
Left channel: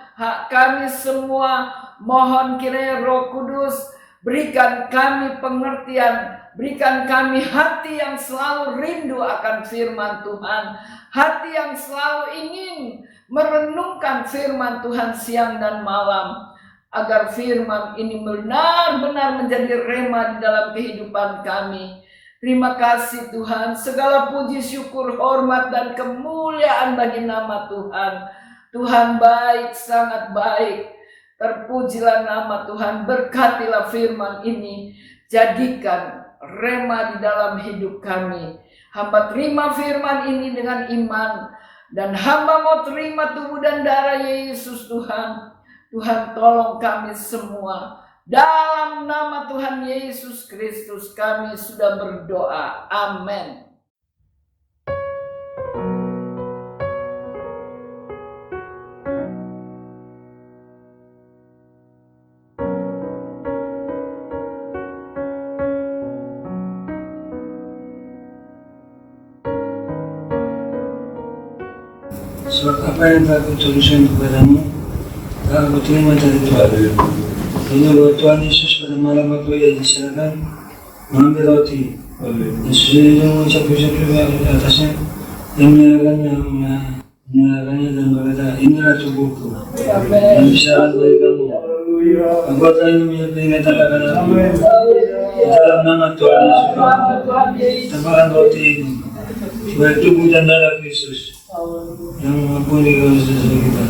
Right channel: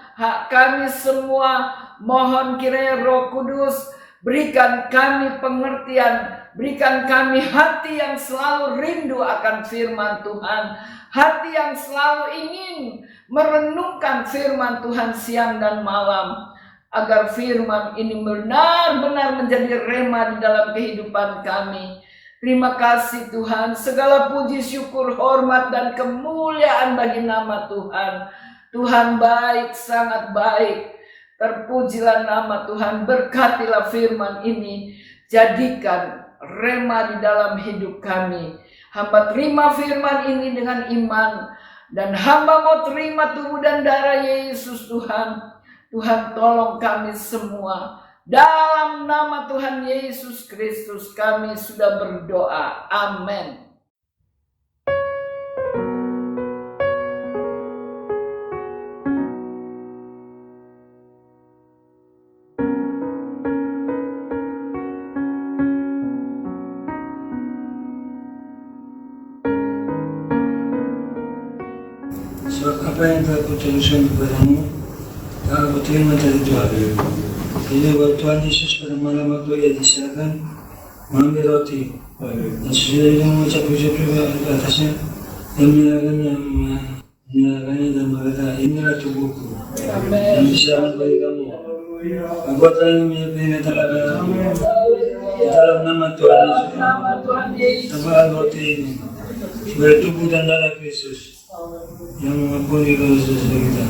kami semua mohon kiranya Roh Kudus berikan kami pengertian, berikan kami hati yang selalu rindu akan firman Tuhan, hati yang selalu ingin merenungkan firman Tuhan siang dan malam, agar firman ini benar-benar menjadi rema di dalam kehidupan kami. Terima kasih Tuhan, segala puji, syukur, hormat, dan kemuliaan bagi nama Tuhan. Tuhan baik, sangat baik. Terpujilah nama Tuhan, berkatilah firman ini. Jadikan rema di dalam hidup kami. Hamba terima firman ini dengan iman. Dan hamba mau terima tubuh dan darah Yesus Tuhan. Tuhan tolong kami semua. Dalam nama Tuhan Yesus Kristus kami sudah berdoa. Amin. Sebab apa yang telah kuturuskan kepadamu telah kuterima dari Tuhan. Ini bahwa Tuhan Yesus pada malam waktu ia diserahkan mengambil roti dan sesudah itu mengucap-ucap juga ke atasnya dan menyerahkannya dan berkata, inilah tubuhku yang diserahkan bagi kamu. Perbuatlah ini menjadi peringatan akan aku. Dalam nama Tuhan Yesus tebarkan roti ini sebagai tubuh dan darah Kristus yang mengampuni dosa-dosa kita.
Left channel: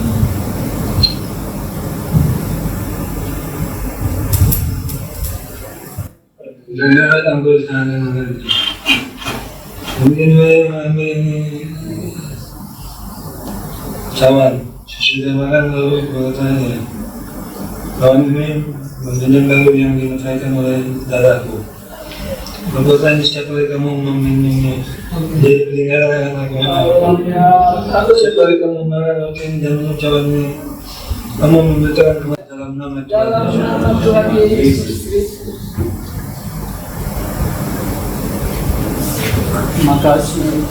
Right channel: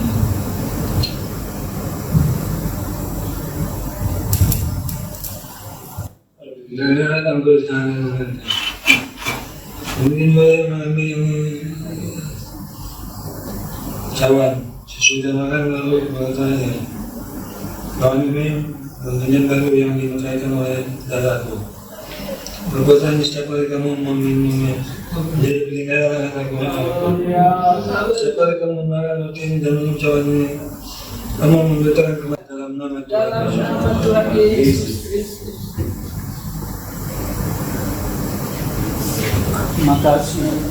Dan datang ke sana nanti. Mungkin mengambil cawan. Sesudah makan lalu bertanya, kami meminjam lalu yang dimakan oleh darahku. Perbuatan setiap kali kamu meminumnya jadi pelingkaran aku. Setiap kali kamu makan roti ini dan minum cawan ini, kamu memberitakan kepada dalam nama Tuhan Yesus Kristus. Terima kasih.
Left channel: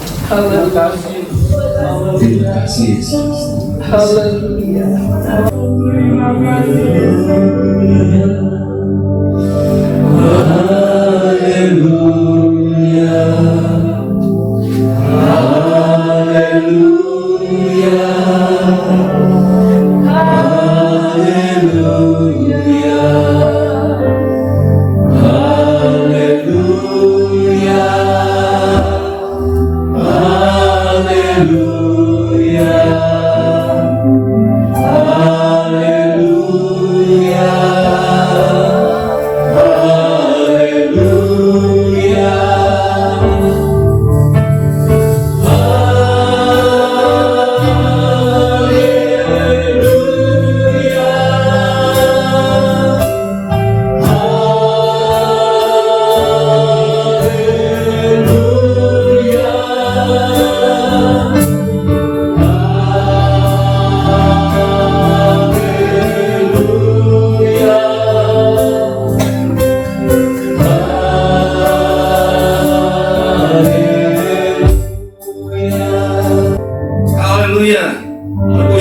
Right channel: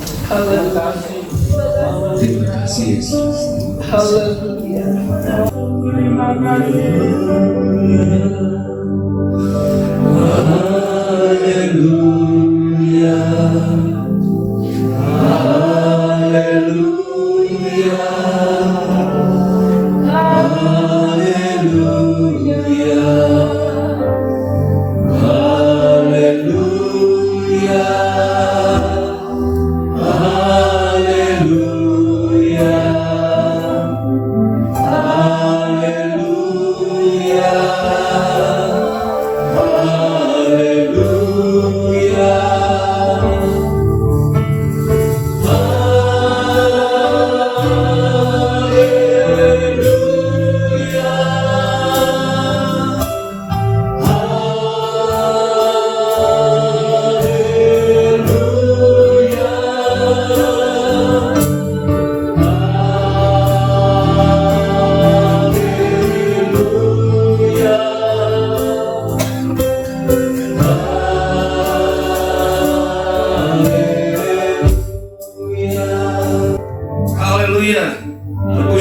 Terima kasih Yesus. Haleluya.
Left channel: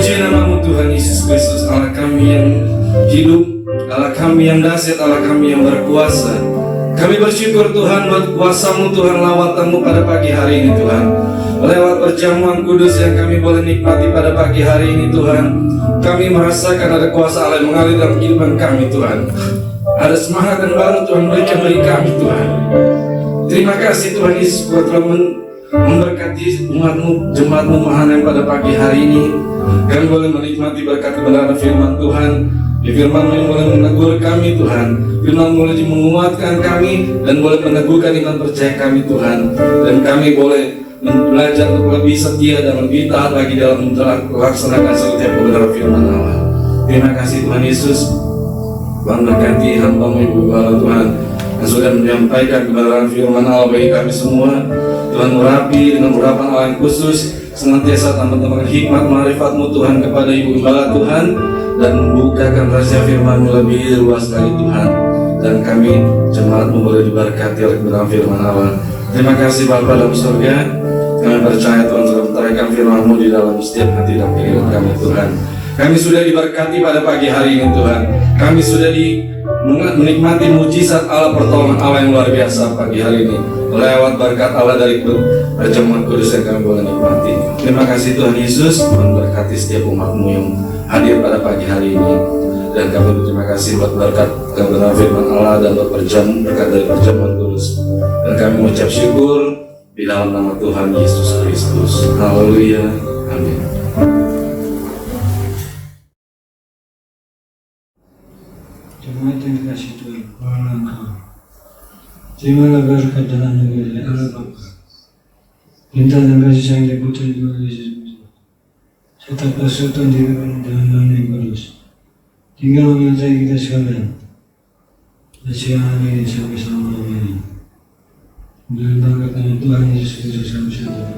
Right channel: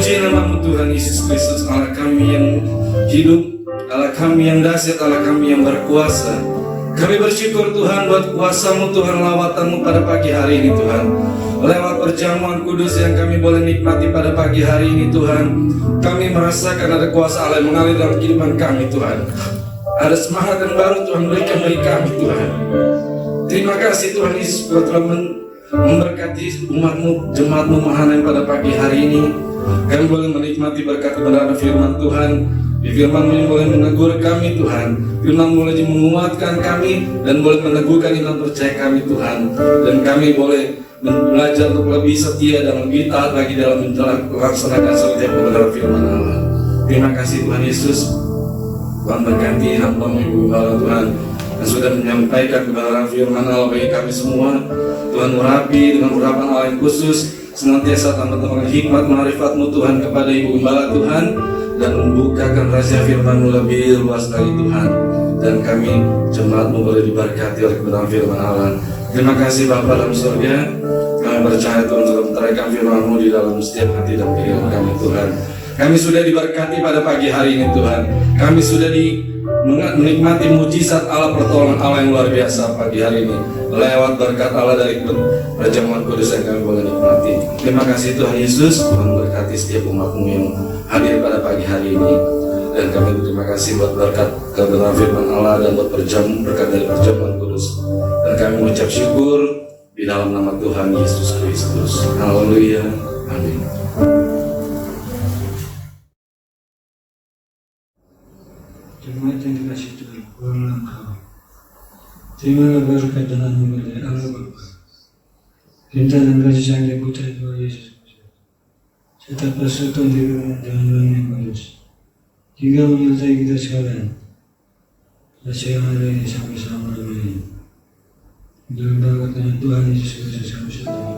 Terpuji namamu Tuhan Yesus Kristus, Allah kami yang hidup, Allah kami yang dahsyat, Allah kami yang berkuasa. Kami bersyukur Tuhan buat kuasa-Mu Tuhan, lawatanmu pada pagi hari ini Tuhan. Lewat perjamuan kudus yang kami boleh nikmati pada pagi hari ini Tuhan, kami merasakan ada kuasa Allah yang mengalir dalam kehidupan kami Tuhan. Ada semangat yang baru Tuhan berikan bagi kami Tuhan. Terima kasih Tuhan Yesus buat telah memberkati umat-Mu, jemaat-Mu yang pada pagi hari ini. Kami boleh menikmati berkat kebenaran firman Tuhan. Di firman-Mu yang boleh menegur kami Tuhan. Firman-Mu boleh menguatkan kami dan boleh meneguhkan iman percaya kami Tuhan. Dan kami boleh belajar untuk lebih setia dan lebih taat lagi dalam melaksanakan setiap kebenaran firman Allah. Terima kasih Tuhan Yesus. Tuhan berkati hamba-Mu Ibu Bala Tuhan yang sudah menyampaikan kebenaran firman Allah bagi kami semua. Tuhan merapi dengan urapan Allah yang khusus, senantiasa tambah-tambah hikmat marifat-Mu Tuhan kepada Ibu Gembala Tuhan, dan membukakan rahasia firman-Mu lebih luas lagi Tuhan. Dan kami jemaat-Mu boleh diberkati oleh kebenaran firman Allah. Terima kasih Bapa dalam surga. Kami percaya Tuhan telah menteraikan firman-Mu di dalam setiap hati dan pikiran kami Tuhan. Kami sudah diberkati pada pagi hari ini Tuhan. Kami sudah menikmati mujizat Allah, pertolongan Allah yang luar biasa pagi hari ini lewat berkat Allah dari perjamuan kudus yang kami boleh nikmati. Terima kasih Tuhan Yesus, Tuhan berkati setiap umat-Mu yang hadir pada pagi hari ini. Dan kami berterima kasih buat berkat kebenaran firman Allah dan buat berkat dari perjamuan kudus. Dan kami mengucap syukur di dalam nama Tuhan Yesus Kristus. Haleluya. Amin. Jemaat yang dikasihi Tuhan, mohonlah Tuhan, terimalah berkat dan anugerah dari Allah Bapa, cinta dan kasih sayang dari Putra Tuhan Yesus Kristus, tetap persekutuan di dalam Tuhan yang kudus, tinggal menyertai kita sekalian, amin sampai selama-lamanya. Dalam berkat Tuhan Yesus Kristus kami berdoa.